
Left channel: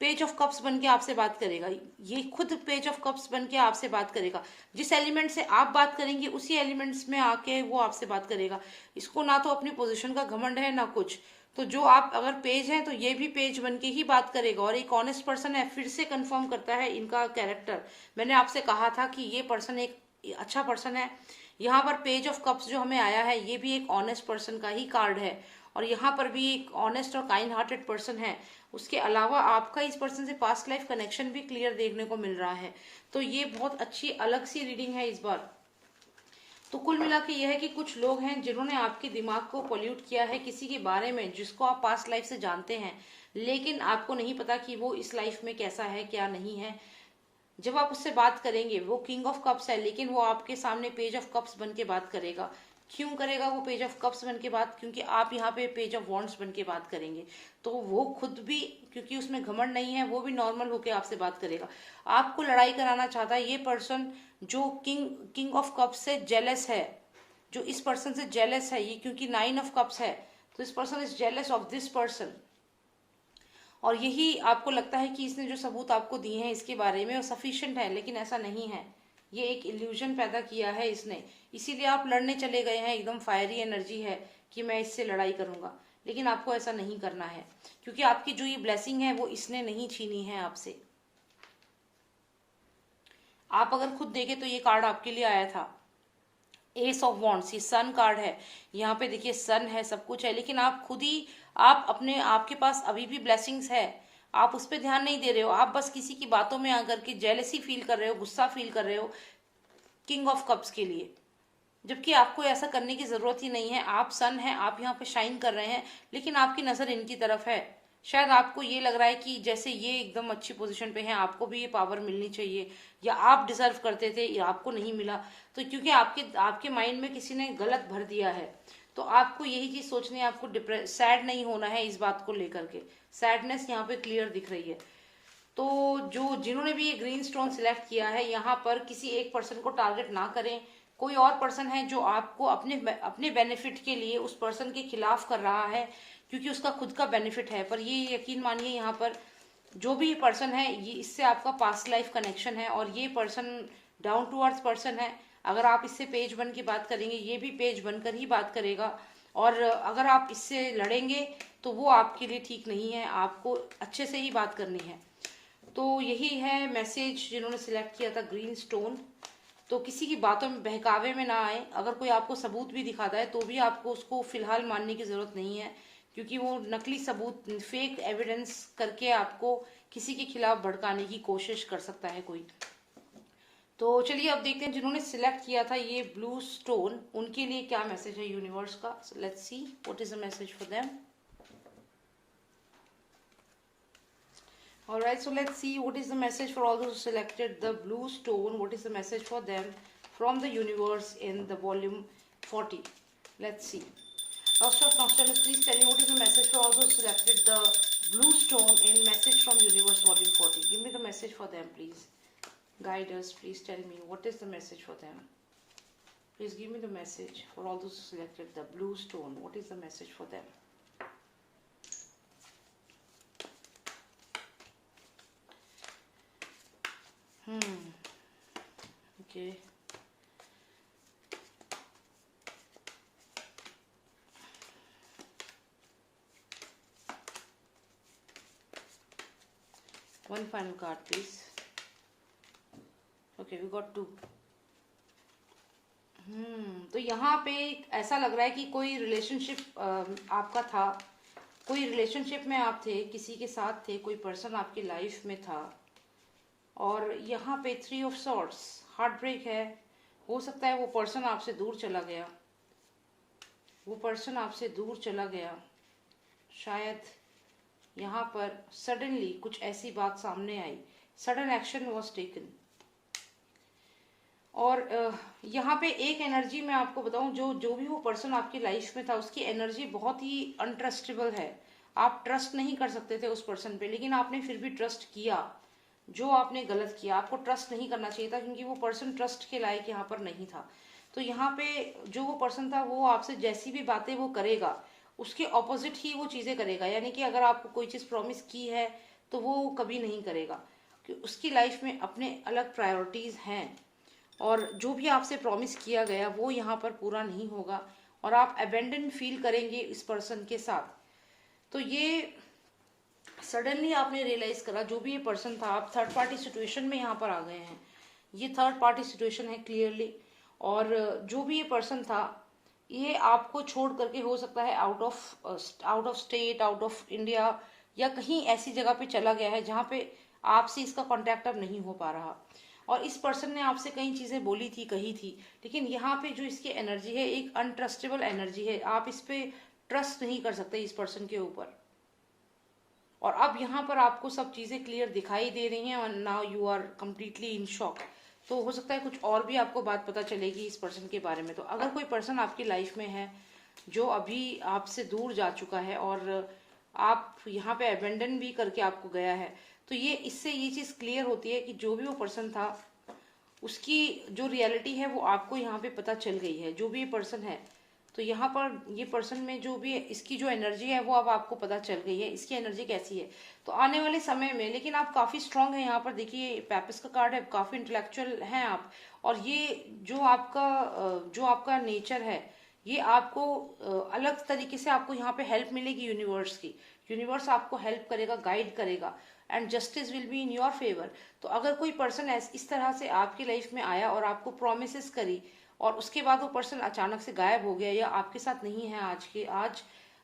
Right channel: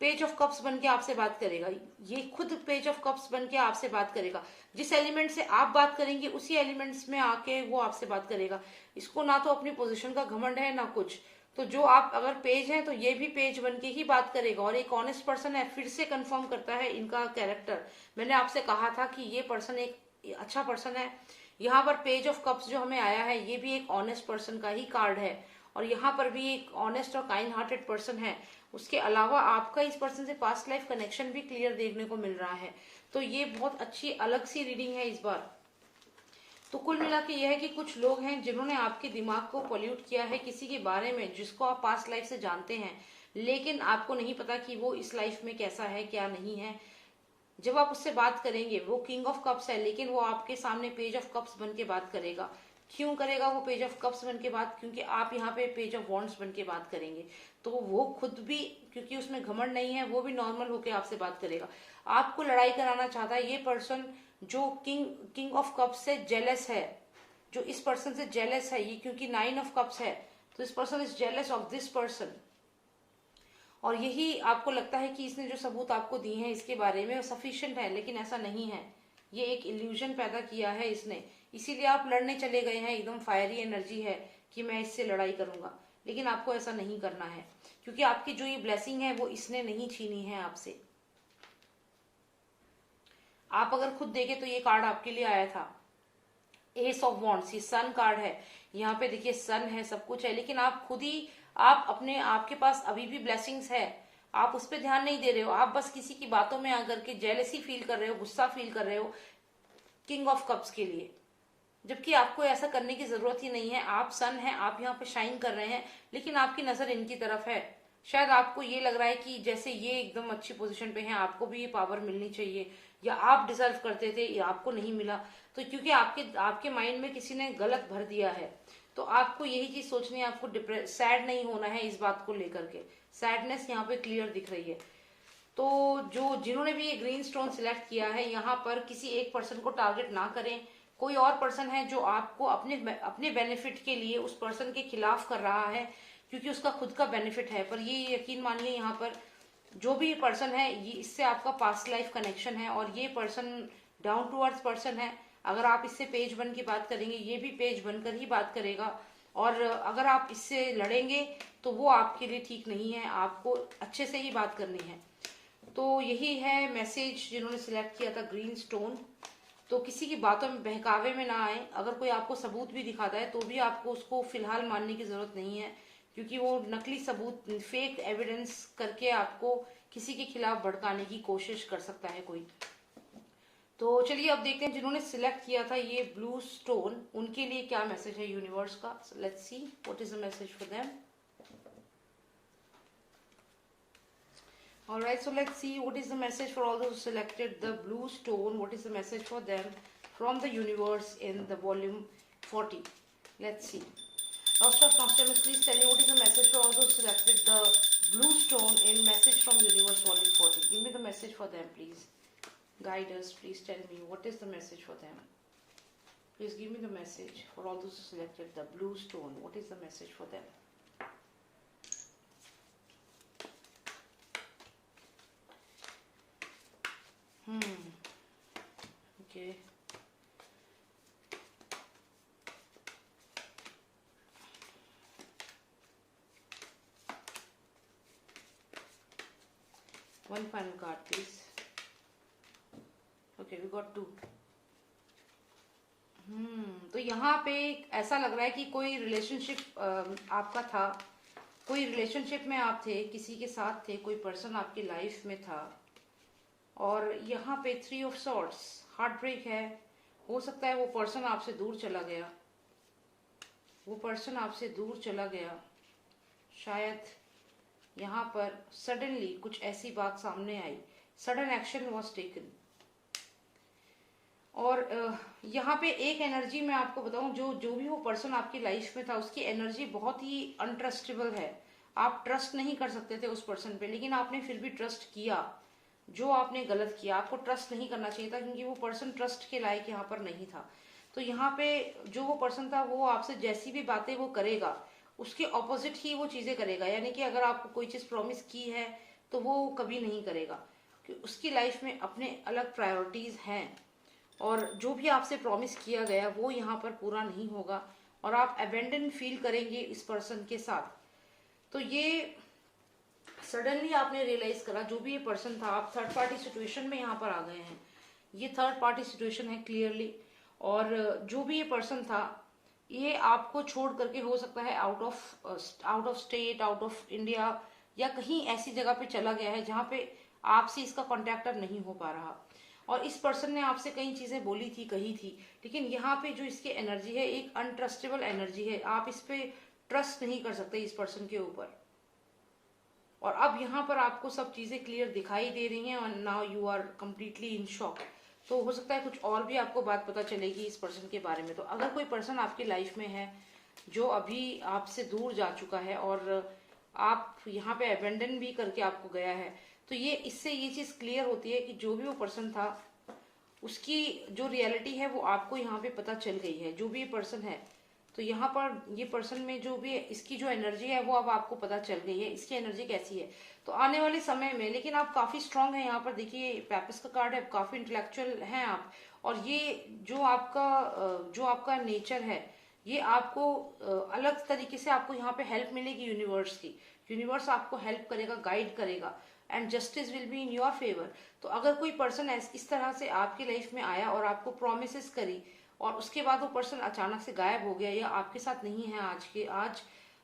पेज ऑफ कप्स बन के आपसे बात करेगा। ये खुद पेज ऑफ कप्स बन के आपसे बात करेगा। जिस एलिमेंट से आप बात करेंगे उसी एलिमेंट्स में आके वो आपसे बात करेगा। इसको ना तो अपनी पोजीशन का घमंड है ना कुछ। तो जो आप अगर पेज है तो ये भी पेज बन के ही बात करेगा, और एक ऑनेस्ट पर्सन है। फिर से कंफर्म करता है इनका कैरेक्टर। मैंने आपसे कहा था कि ये पर्सन एक अच्छा पर्सन है। यहाँ पर पेज ऑफ कप्स जो हमें आया है ये भी एक ऑनेस्ट पर्सन का ही कार्ड है, और यहाँ पर भी एक ऑनेस्ट और काइंड हार्टेड पर्सन है। उसके अलावा आपका इस पर्सन से पास्ट लाइफ कनेक्शन भी क्लियर देखने को मिल रहा है। तो ये बहुत अच्छी अलग सी रीडिंग है इस बार। तो कुल मिला के यह है कि कुछ लोग हैं जिन्होंने आपके दिमाग को पॉल्यूट किया है किसी के बारे में जिसको आप पास्ट लाइफ से जानते हैं, लेकिन आपको नहीं पता कि वो इस लाइफ में कैसा है क्या नहीं है। जब आप उससे बात करेंगे, वो किंग ऑफ कप्स है, लेकिन वो आपके सामने पेज ऑफ कप्स बन के बात करेगा। क्यों करेगा वो पेज ऑफ कप्स बन के बात? क्योंकि आप यहाँ पे पेज ऑफ वॉन्ड्स बन के बात करेंगे। तो वो खुद भी, क्योंकि उसमें घमंड नहीं है, वो भी नॉर्मल होके आपसे बात करेगा। आपको लड़ाई कराना चाहता है ये पर्सन जो किंग ऑफ कप्स से जेलस है, जो इस पर्सन से जेलस है। ये क्योंकि 9 ऑफ कप्स है, तो इस person is jealous of this person. और यही आपको लगता है कि इसने जो सबूत आपको दिए हैं इसके बारे में वो सफिशिएंट है, लेकिन ऐसा नहीं है। ये एक इल्यूजन पैदा किया है इसने, इसीलिए आप लड़ने चले गए हैं। एकदम फायरी एनर्जी है कि मैं इससे लड़ाई करूंगा, लेकिन आपको ऐसा नहीं करना है, क्योंकि आपकी जो ये ब्लेसिंग है वो इसने नहीं छीनी है आपसे। आप अगर खुद देखें तो ये कार्ड आपके लिए आया था, एस ऑफ वॉन्ड्स। ये सन कार्ड है। यहाँ पे देखिए सन है, सब कुछ है, लेकिन आप खुद ही, आप अपने, आपके पास अभी भी ब्लेसिंग्स है, आप उस पर ध्यान नहीं दे रहे हो। आप बस किसी की बातों में आकर के जेलसी फील कर रहे हो, गुस्सा फील कर रहे हो किंग ऑफ कप्स के लिए, जबकि आपको ऐसा करने की जरूरत ही नहीं है। आप सन है, आप यहाँ पे शाइन कर रहे हैं, लेकिन आपकी नजर इनकी तरफ है। शायद आपको ये लग रहा है कि जैसे ये एकदम अच्छी पोजीशन पे हैं, आपको भी ये पावर मिलनी चाहिए, या आप डिजर्व करते थे, या आपको नहीं मिला। तो क्योंकि आपके माइंड में किसी ने गलत भर दिया है, तो आपको यही चीज सोचनी है। आपको सैड नहीं होना है इस बात को लेकर के। सैडनेस यहाँ पे क्लियर दिख रही है। तो जिन्होंने भी ये ग्रीन स्टोन सिलेक्ट किया है, यहाँ पर किसी एक पर्सन को टारगेट ना करें। कोई और पर्सन है जो आपको अपने बेनिफिट के लिए उस पर्सन के खिलाफ कर रहा है, क्योंकि उसका खुद का बेनिफिट है। पर ये यकीन मानिए, यहाँ पर जो भी पर्सन है ये, इससे आपका पास्ट लाइफ कनेक्शन है, और ये person down to earth person है। अगर आप इससे पेज बन की बात करेंगे, ये भी पेज बनकर ही बात करेगा। और अगर आप इससे लड़ेंगे तो वो आपके लिए ठीक नहीं है, आपको अच्छे से ही बात करनी है। तो यही है मैसेज जिन्होंने सिलेक्ट किया था ग्रीन स्टोन। तो किसी की बातों में, बहकावे में ना आए। अगर कोई आपको सबूत भी दिखाता है तो भी आपको उसको फिलहाल मानने की जरूरत नहीं है, क्योंकि वो नकली सबूत, फेक एविडेंस करके आपको किसी के खिलाफ भड़काने की कोशिश कर सकता है कोई। तो चलिए अब देखते हैं जिन्होंने सिलेक्ट किया था ये ब्लू स्टोन, उनके लिए क्या मैसेज है यूनिवर्स का। Let's see what is the message for them. Alright, so let's see what is the message for all those who selected the blue stone. What is the message for them from the universe in the volume 40? Let's see. Master of Mastermind, please tell me what is the message for all those who selected the blue stone in message from universe volume 40. Give me the message for them, please. Guide us, please tell me what is the message for them. Please give me the message for all those who selected the blue stone. What is the message for them? Okay. One final card, please. Okay, we got two. तो यहाँ पे ऐसा लग रहा है कि कोई रिलेशनशिप आपका था, कोई रिलेशनशिप में आप थे, किसी के साथ थे, कोई पर्सन आपकी लाइफ में था, और यहाँ पे 3 ऑफ सॉर्ड्स, हार्ट ब्रेक है। हो सकता है वो पर्सन आपसे दूर चला गया, वो पर्सन आपसे दूर चला गया। शायद यहाँ पर सडनली कुछ ऐसी बात सामने आई, सडन एक्शन वॉज टेकन। और यहाँ पे एक एनर्जी मैं आपको बताऊं, जो भी वो पर्सन आपकी लाइफ में था उसकी एनर्जी बहुत ही अनट्रस्टेबल है। आप ट्रस्ट नहीं कर सकते थे उस पर्सन पे, लेकिन आपने फिर भी ट्रस्ट किया। जो आपने गलत किया, आपको ट्रस्ट नहीं करना चाहिए था, क्योंकि वो पर्सन ट्रस्ट के लायक यहाँ पर नहीं था। तो यहाँ पे जो वो पर्सन था वो आपसे जैसी भी बातें वो करेगा उसके ऑपोजिट ही वो चीजें करेगा। यानी कि अगर आपको कोई चीज प्रॉमिस की है तो वो कभी नहीं करेगा, कि उसकी लाइफ में अपने अलग प्रायोरिटीज हैं, और जो भी आपसे प्रॉमिस किया गया वो यहाँ पर पूरा नहीं होगा, और आप अबेंडन फील करेंगे इस पर्सन के साथ। तो ये सडनली आपने रियलाइज करा, जो भी ये पर्सन था, आप थर्ड पार्टी सिचुएशन में यहाँ पर आ गए हैं। ये थर्ड पार्टी सिचुएशन है क्लियरली। और जो भी ये पर्सन था ये आपको छोड़ करके हो सकता है out of state, out of India, या कहीं ऐसी जगह पे चला गया है जहाँ पे आपसे इसका कॉन्टेक्ट अब नहीं हो पा रहा। और इस पर्सन ने आपसे कई चीजें बोली थी, कही थी, लेकिन यहाँ पे जो इसकी एनर्जी है एक अनट्रस्टेबल एनर्जी है। आप इस पे ट्रस्ट नहीं कर सकते इस पर्सन के ऊपर। और अब यहाँ पर आपको सब चीजें क्लियर दिखाई दे रही हैं, और now you are completely in shock. तो हो सकता है कुछ और भी आपको बात पता चलेगी इस पर्सन के बारे में। तो अगर कोई पर्सन आपकी लाइफ में है जो अभी आपसे दूर जा चुका है और आप यहाँ पे अबेंडन भी करके आपको गया है, तो ये इससे ये चीज क्लियर होती है कि जो भी वो पर्सन था उसकी जो रियलिटी है वो आपको यहाँ पे पता चल गई है। जो भी ये पर्सन है, तो यहाँ पर ये पर्सन में जो भी इसकी जो एनर्जी है वो अब आपको पता चल गई है, इसकी एनर्जी कैसी है। तो आने वाले समय में, लेकिन आप काफी स्ट्रांग है। यहाँ पर देखिए पैपिस का कार्ड है, काफी इंटेलेक्चुअल हैं आप, और ये जो आपका नेचर है, ये आपको अलग तरीके से आपको यहाँ पे हेल्प मिलेगी यूनिवर्स की। यूनिवर्स आपको हेल्प करेगा, गाइड करेगा, and justice will be in your favour. तो अगर कोई पर्सन इस तरह से आपकी लाइफ में आया और आपको प्रोमिस करी, और उसके बाद वो पर्सन अचानक से गायब हो गया, या आपके साथ नहीं है आज,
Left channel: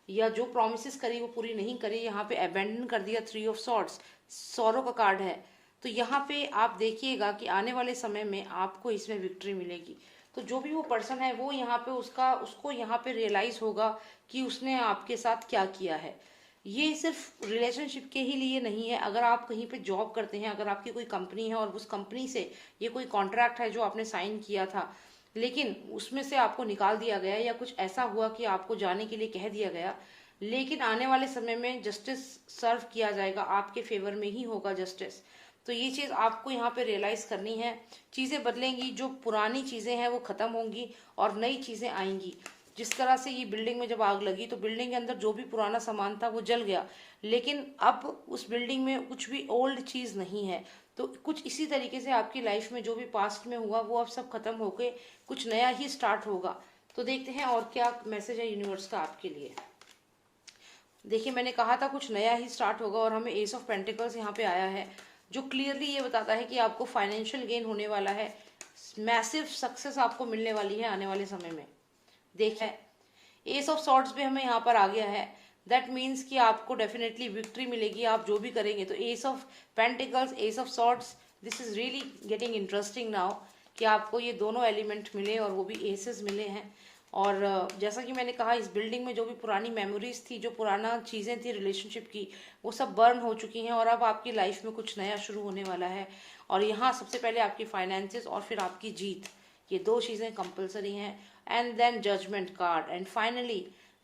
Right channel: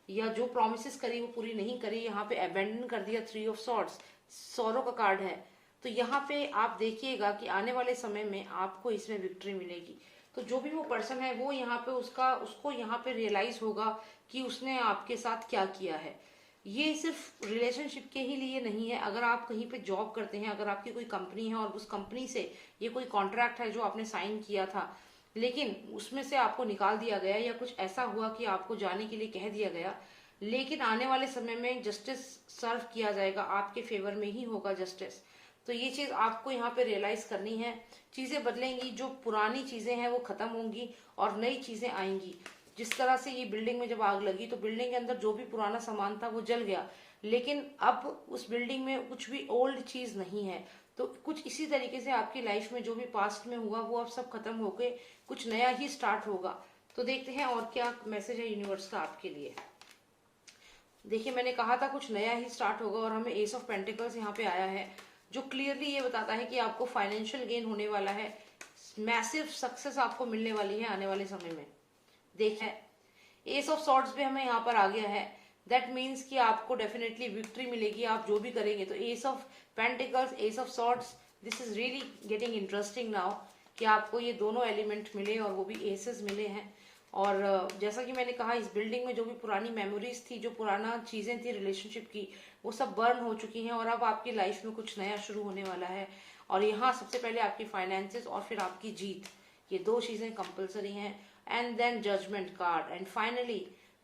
या जो प्रोमिस करी वो पूरी नहीं करी, यहाँ पे अबेंडन कर दिया, 3 ऑफ सॉर्ड्स, सॉरो का कार्ड है। तो यहाँ पे आप देखिएगा कि आने वाले समय में आपको इसमें विक्ट्री मिलेगी। तो जो भी वो पर्सन है वो यहाँ पे उसको यहाँ पे रियलाइज होगा कि उसने आपके साथ क्या किया है। ये सिर्फ रिलेशनशिप के ही लिए नहीं है। अगर आप कहीं पे जॉब करते हैं, अगर आपकी कोई कंपनी है और उस कंपनी से ये कोई कॉन्ट्रैक्ट है जो आपने साइन किया था, लेकिन उसमें से आपको निकाल दिया गया, या कुछ ऐसा हुआ कि आपको जाने के लिए कह दिया गया, लेकिन आने वाले समय में जस्टिस सर्व किया जाएगा, आपके फेवर में ही होगा जस्टिस। तो ये चीज आपको यहाँ पे रियलाइज करनी है। चीजें बदलेंगी, जो पुरानी चीजें हैं वो खत्म होंगी और नई चीजें आएंगी। जिस तरह से ये बिल्डिंग में जब आग लगी तो बिल्डिंग के अंदर जो भी पुराना सामान था वो जल गया, लेकिन अब उस बिल्डिंग में कुछ भी ओल्ड चीज नहीं है। तो कुछ इसी तरीके से आपकी लाइफ में जो भी पास्ट में हुआ वो अब सब खत्म होके कुछ नया ही स्टार्ट होगा। तो देखते हैं और क्या मैसेज है यूनिवर्स का आपके लिए। देखिए मैंने कहा था कुछ नया ही स्टार्ट होगा, और हमें एस ऑफ पेंटिकल्स यहाँ पे आया है, जो क्लियरली ये बताता है कि आपको फाइनेंशियल गेन होने वाला है, मैसिव सक्सेस आपको मिलने वाली है आने वाले समय में। देखें एस ऑफ सॉर्ड्स भी हमें यहाँ पर आ गया है, दैट मीन्स कि आपको डेफिनेटली विक्ट्री मिलेगी आप जो भी करेंगे। तो S of pentacles, S of swords, this is really getting interesting now, कि आपको ये दोनों एलिमेंट मिले और वो भी एसेस मिले हैं। और जैसा कि मैंने कहा, इस बिल्डिंग में जो भी पुरानी मेमोरीज थी, जो पुराना चीजें थी रिलेशनशिप की, वो सब बर्न हो चुकी हैं, और अब आपकी लाइफ में कुछ नया शुरू होने वाला है। और यहाँ सबसे पहले आपकी फाइनेंसेस और फिर आपकी जीत, ये दो चीजें कंपलसरी हैं। And then judgement card, and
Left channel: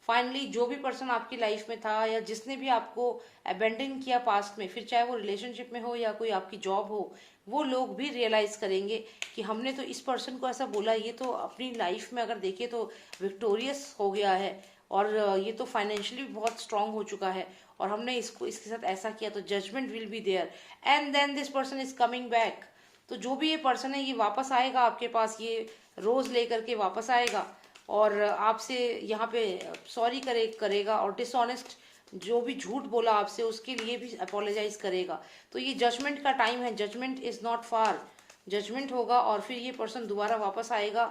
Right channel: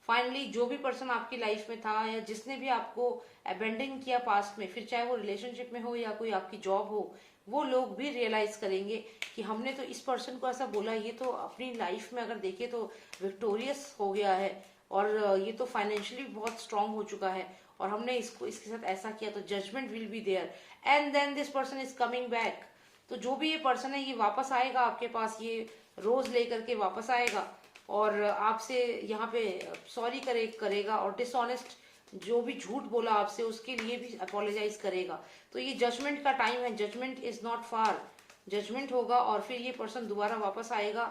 finally जो भी पर्सन आपकी लाइफ में था, या जिसने भी आपको अबेंडन किया पास्ट में, फिर चाहे वो रिलेशनशिप में हो या कोई आपकी जॉब हो, वो लोग भी रियलाइज करेंगे कि हमने तो इस पर्सन को ऐसा बोला, ये तो अपनी लाइफ में अगर देखे तो विक्टोरियस हो गया है और ये तो फाइनेंशियली बहुत स्ट्रांग हो चुका है, और हमने इसको इसके साथ ऐसा किया, तो judgement will be there and then this person is coming back. तो जो भी ये पर्सन है ये वापस आएगा आपके पास, ये रोज लेकर के वापस आएगा और आपसे यहाँ पे सॉरी करेगा और डिसऑनेस्ट जो भी झूठ बोला आपसे उसके लिए भी अपोलोजाइज करेगा। तो ये जजमेंट का टाइम है, judgement is not far, judgement होगा और फिर ये पर्सन दोबारा वापस आएगा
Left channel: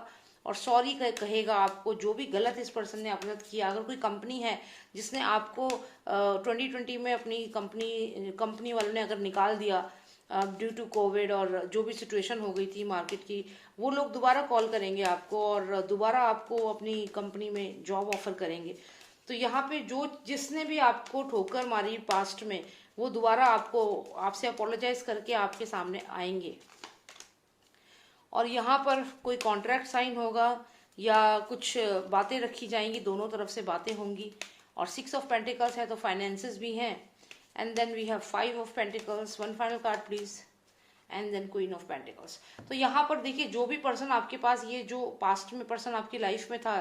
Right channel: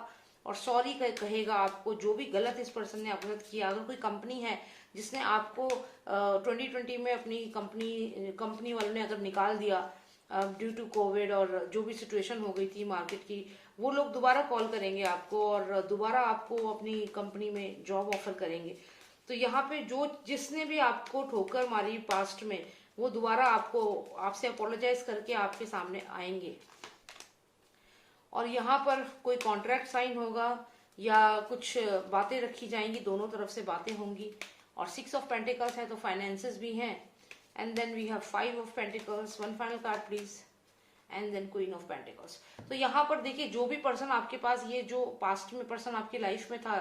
और सॉरी कहेगा आपको जो भी गलत इस पर्सन ने आपके साथ किया। अगर कोई कंपनी है जिसने आपको 2020 में अपनी कंपनी वालों ने अगर निकाल दिया ड्यू टू कोविड और जो भी सिचुएशन हो गई थी मार्केट की, वो लोग दोबारा कॉल करेंगे आपको और दोबारा आपको अपनी कंपनी में जॉब ऑफर करेंगे। तो यहाँ पे जो जिसने भी आपको ठोकर मारी पास्ट में, वो दोबारा आपसे अपोलोजाइज करके आपके सामने आएंगे और यहाँ पर कोई कॉन्ट्रैक्ट साइन होगा या कुछ बातें रखी जाएंगी, दोनों तरफ से बातें होंगी। और 6 ऑफ पेंटिकल्स है तो फाइनेंसेस भी हैं। And then we have 5 of pentacles, one final card please, and then queen of pentacles. तो यहाँ पर देखिए जो भी पर्सन आपके पास, ये जो पास्ट में पर्सन आपकी लाइफ में था,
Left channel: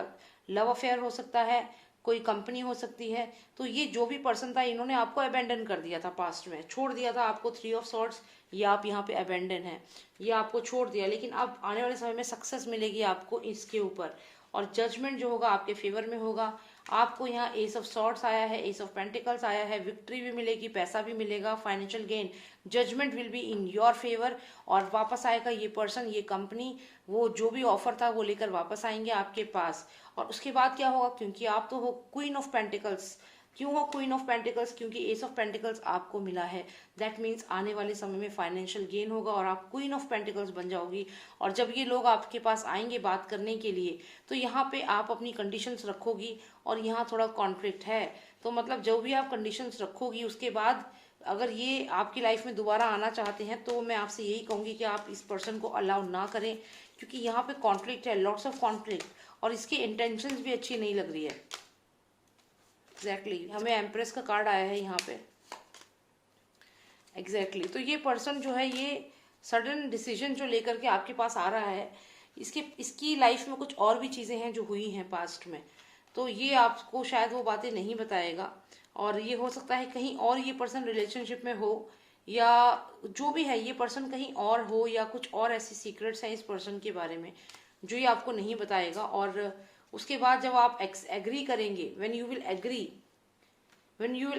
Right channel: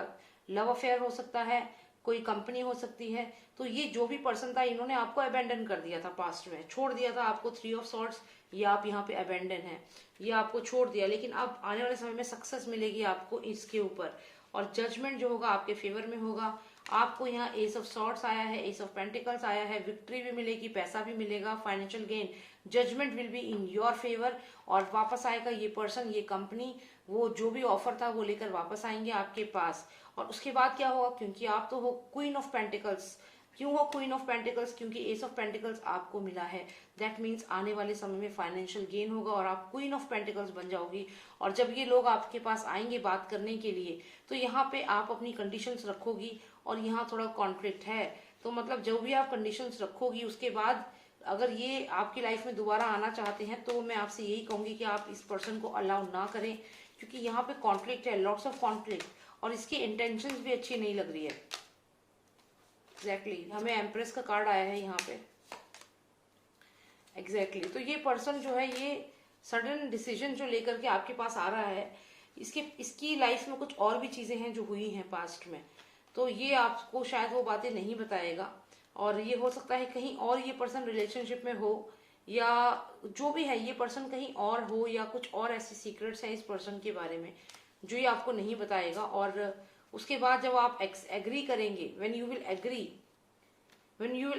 लव अफेयर हो सकता है, कोई कंपनी हो सकती है, तो ये जो भी पर्सन था इन्होंने आपको अबेंडन कर दिया था पास्ट में, छोड़ दिया था आपको 3 ऑफ सॉर्ड्स, ये आप यहाँ पे अबेंडन है, ये आपको छोड़ दिया। लेकिन अब आने वाले समय में सक्सेस मिलेगी आपको इसके ऊपर और जजमेंट जो होगा आपके फेवर में होगा। आपको यहाँ एस ऑफ सॉर्ड्स आया है, एस ऑफ पेंटिकल्स आया है, विक्ट्री भी मिलेगी, पैसा भी मिलेगा, financial gain, judgement will be in your favour और वापस आएगा ये पर्सन, ये कंपनी, वो जो भी ऑफर था वो लेकर वापस आएंगे आपके पास। और उसके बाद क्या होगा, क्योंकि आप तो हो क्वीन ऑफ पेंटिकल्स, क्यों हो क्वीन ऑफ पेंटिकल्स, क्योंकि एस ऑफ पेंटिकल्स आपको मिला है, दैट मीन्स आने वाले समय में फाइनेंशियल गेन होगा और आप क्वीन ऑफ पेंटिकल्स बन जाओगी। और जब ये लोग आपके पास आएंगे बात करने के लिए, तो यहाँ पे आप अपनी कंडीशंस रखोगी और यहाँ थोड़ा कॉन्फ्लिक्ट है, तो मतलब जो भी आप कंडीशंस रखोगी उसके बाद अगर ये आपकी लाइफ में दोबारा आना चाहते हैं तो मैं आपसे यही कहूंगी कि आप इस पर्सन को अलाउ ना करें, क्योंकि यहाँ पे कॉन्फ्लिक्ट है, लॉट्स ऑफ कॉन्फ्लिक्ट, और इसकी इंटेंशंस भी अच्छी नहीं लग रही है। एग्जैक्टली हमें एम्प्रेस का कार्ड आया है यहाँ पे। एग्जैक्टली तो ये पर्सन जो है ये सडन डिसीजन जो लेकर के आपके पास आ रहा है, इसकी लाइफ में कुछ और भी चीजें हैं जो हुई हैं पास्ट में, तो ये आपको शायद वो बातें नहीं बताएगा। और ये हो सकता है कहीं और ये पर्सन रिलेशनशिप में हो, या जो भी है ये पर्सन कहीं और हो, या कुछ और ऐसी सीक्रेट्स हैं इस पर्सन के बारे में जो ये आपको नहीं बताएगा। और उसके बाद जब आप एग्री करेंगे, when you will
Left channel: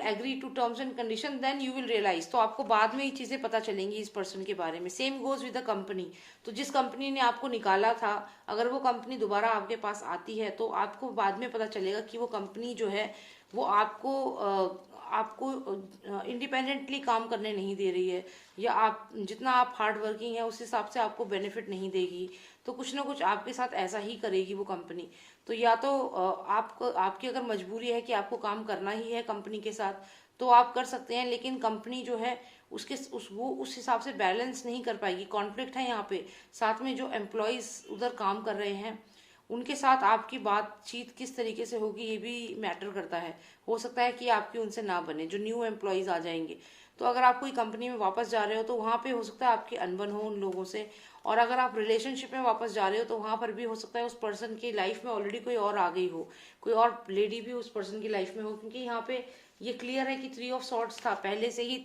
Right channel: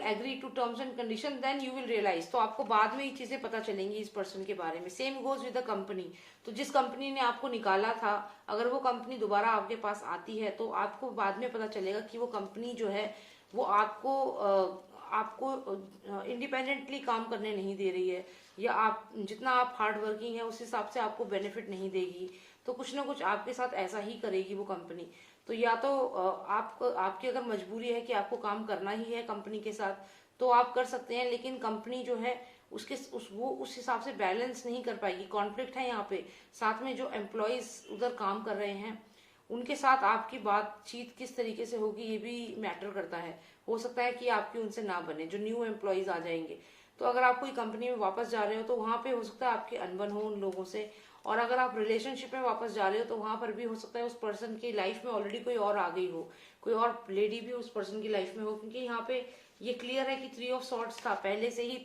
agree to terms and condition, then you will realise, तो आपको बाद में ये चीजें पता चलेंगी इस पर्सन के बारे में। Same goes with the company, तो जिस कंपनी ने आपको निकाला था, अगर वो कंपनी दोबारा आपके पास आती है तो आपको बाद में पता चलेगा कि वो कंपनी जो है वो आपको इंडिपेंडेंटली काम करने नहीं दे रही है, या आप जितना आप हार्ड वर्किंग है उस हिसाब से आपको बेनिफिट नहीं देगी, तो कुछ ना कुछ आपके साथ ऐसा ही करेगी वो कंपनी। तो या तो आपकी अगर मजबूरी है कि आपको काम करना ही है कंपनी के साथ तो आप कर सकते हैं, लेकिन कंपनी जो है वो उस हिसाब से बैलेंस नहीं कर पाएगी, कॉन्फ्लिक्ट है यहाँ पे। साथ में जो एम्प्लॉयज उधर काम कर रहे हैं उनके साथ आपकी बातचीत किस तरीके से होगी ये भी मैटर करता है। हो सकता है कि आपकी उनसे ना बने, जो न्यू एम्प्लॉयज आ जाएंगे। तो अगर आप कोई कंपनी में वापस जा रहे हो तो वहां पे हो सकता है आपकी अनबन हो उन लोगों से, और अगर आप रिलेशनशिप में वापस जा रहे हो तो वहां पर भी हो सकता है उस पर्सन की लाइफ में ऑलरेडी कोई और आ गई हो, कोई और लेडी भी उस पर्सन की लाइफ में हो, क्योंकि यहाँ पे ये क्लियर है कि 3 ऑफ सॉर्ड्स था, पहले से ही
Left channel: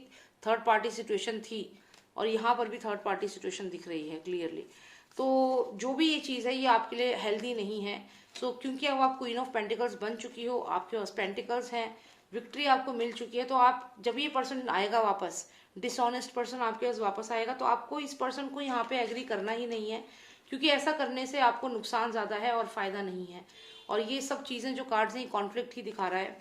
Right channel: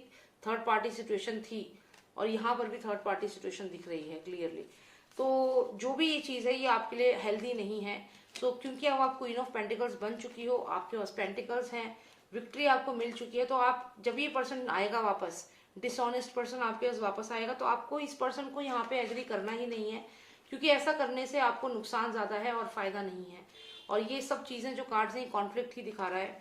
थर्ड पार्टी सिचुएशन थी और यहाँ पर भी थर्ड पार्टी सिचुएशन दिख रही है क्लियरली। तो जो भी ये चीज है ये आपके लिए हेल्दी नहीं है। तो क्योंकि अब आप क्वीन ऑफ पेंटिकल्स बन चुकी हो, आपके पास पेंटिकल्स हैं, विक्ट्री आपको मिल चुकी है, तो आप जब ये पर्सन आएगा वापस, डिसऑनेस्ट पर्सन आपके पास वापस आएगा, तो आपको इस पर्सन को यहाँ पे एग्री करना ही नहीं है, क्योंकि ऐसा करने से आपको नुकसान ज्यादा है और फायदा नहीं है। और ये सब चीजें जो कार्ड्स हैं कॉन्फ्लिक्ट ही दिखा रहा है।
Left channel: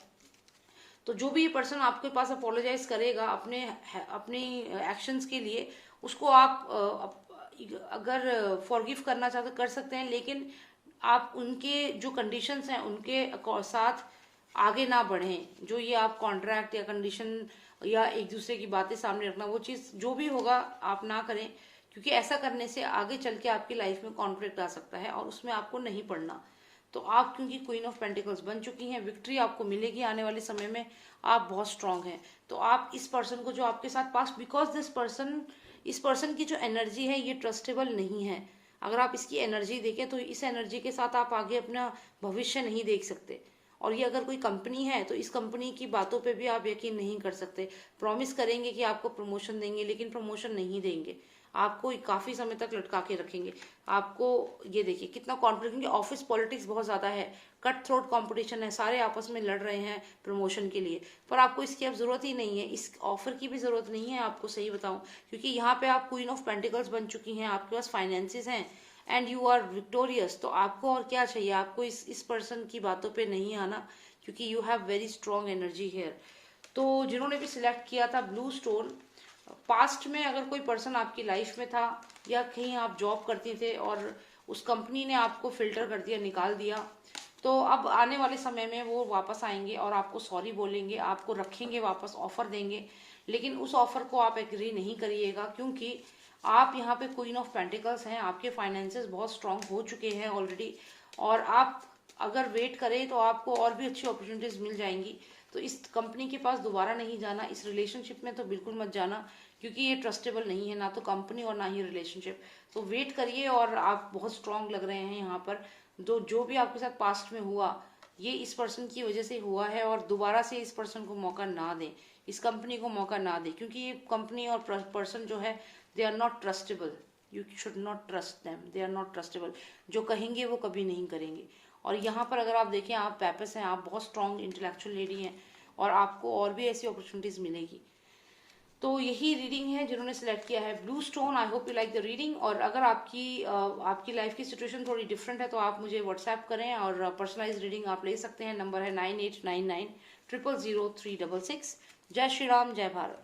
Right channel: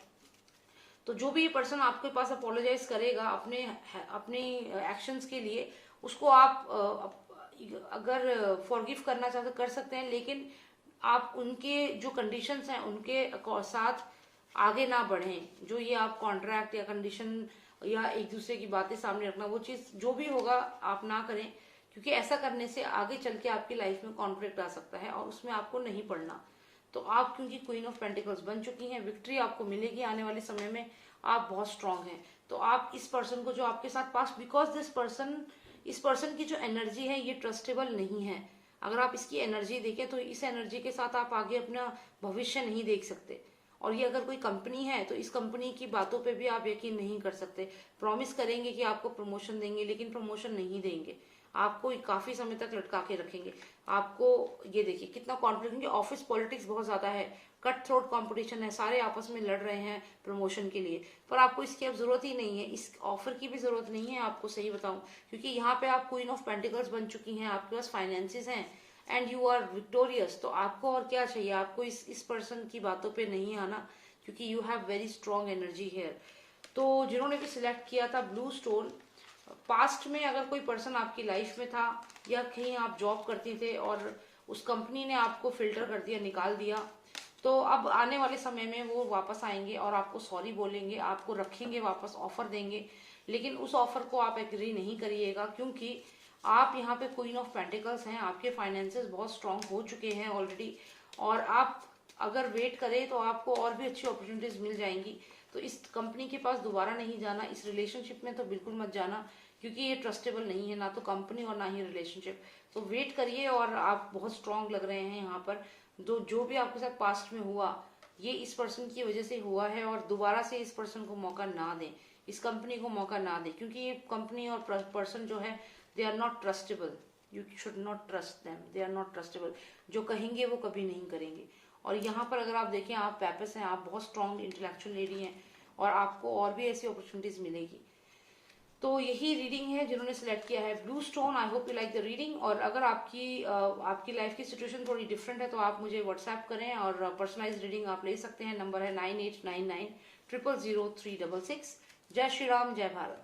तो जो भी पर्सन आपके पास अपोलोजाइज करेगा अपने एक्शंस के लिए, उसको आप अगर फॉरगिव करना चाहते कर सकते हैं, लेकिन आप उनके जो कंडीशंस हैं उनके साथ आगे ना बढ़ें। जो ये आप कॉन्ट्रैक्ट या कंडीशन या एक दूसरे की बातें सामने रखना, वो चीज जो भी होगा आप ना करें, क्योंकि ऐसा करने से आगे चल के आपकी लाइफ में कॉन्फ्लिक्ट आ सकता है और उसमें आपको नहीं पड़ना। तो आप क्योंकि क्वीन ऑफ पेंटिकल्स बन चुकी हैं, विक्ट्री आपको मिलेगी आने वाले समय में, आप बहुत स्ट्रांग हैं। तो आप इस पर्सन को जो आपके साथ पास, बिकॉज दिस पर्सन इस पर्सन की जो एनर्जी है ये ट्रस्टेबल नहीं है। अगर आप इसकी एनर्जी देखें तो इस एनर्जी के साथ आप आगे अपना भविष्य नहीं देख सकते। और ये अगर कोई कंपनी है तो इस कंपनी की बातों पे भी आप यकीन नहीं कर सकते। प्रॉमिस करेंगे कि आपको प्रमोशन देंगे, लेकिन प्रमोशन नहीं देंगे, आपको काफी समय तक लटका के रखेंगे। आपको ये देखिए कितना कॉन्फिडेंस, क्योंकि ऑफिस पॉलिटिक्स बहुत ज्यादा है, कट थ्रोट कंपटीशन है, सारे आपस में लड़ रहे हैं प्रमोशन के लिए। पर आपको इसकी अब जरूरत ही नहीं है, इस ऑफर की भी जरूरत नहीं है आपको, सही बताऊं, क्योंकि यहाँ पे आप क्वीन ऑफ पेंटिकल्स बन चुकी हैं, आपके पास फाइनेंसेस हैं एंड यू आर विक्टोरियस। तो आपको और क्या चाहिए, आपको इस पर्सन की बातों पे नहीं आना, क्योंकि you have very strong energy here. तो जिन्होंने भी सिलेक्ट किया था ब्लू स्टोन, पास्ट में अगर कोई पर्सन आपकी लाइफ में था या कहीं आप जॉब करती थे और उस कंपनी ने आपको फिल्टर कर दिया, निकाल दिया, तो अब आने वाले समय में वो वापस आएंगे और आपको सॉरी बोलेंगे, आपको रखेंगे वापस, ऑफर देंगे। लेकिन उस ऑफर को आप एग्री नहीं करिएगा, क्योंकि आप यहाँ पे क्वीन ऑफ पेंटिकल्स हैं, आपके फाइनेंसेस बहुत स्ट्रांग हो चुके हैं ऑलरेडी, और आप अगर वेट करें तो आपको और भी अच्छी अपॉर्चुनिटीज मिल जाएंगी। तो इस कंपनी के पास दोबारा नहीं जाना, इस रिलेशनशिप में तो बिल्कुल मत जाना, क्योंकि ये ट्रस्टेबल नहीं है, ना तो कंपनी और ना ही रिलेशनशिप। तो वेट करिए, और आप बहुत स्ट्रांग लग रहे हैं यहाँ पर। जो भी आपके साथ पास्ट में हुआ ये इस पर्सन की वजह से हुआ है, और दोबारा से इस पर्सन को मौका ना दें, इस कंपनी को मौका ना दें, क्योंकि ये कंपनी और पर्सन जो है they are not trustable. You should not trust them, they are not trustable. जो कहेंगे वो कभी नहीं करेंगे। और यहाँ पर अगर आप देखें, आप पैपस हैं, आप बहुत स्ट्रांग इंटेलेक्चुअल लेडी हैं, और आपको और भी ऐसी अपॉर्चुनिटीज मिलेगी। तो यही रीडिंग है जिन्होंने सिलेक्ट किया है blue stone. I hope you like the reading. और अगर आपकी लाइफ की सिचुएशन थोड़ी डिफरेंट है तो आप मुझे व्हाट्सएप करें, और पर्सनलाइज रीडिंग आप ले सकते हैं। नंबर है 9899 000 366। जय श्री राम, जय भारत।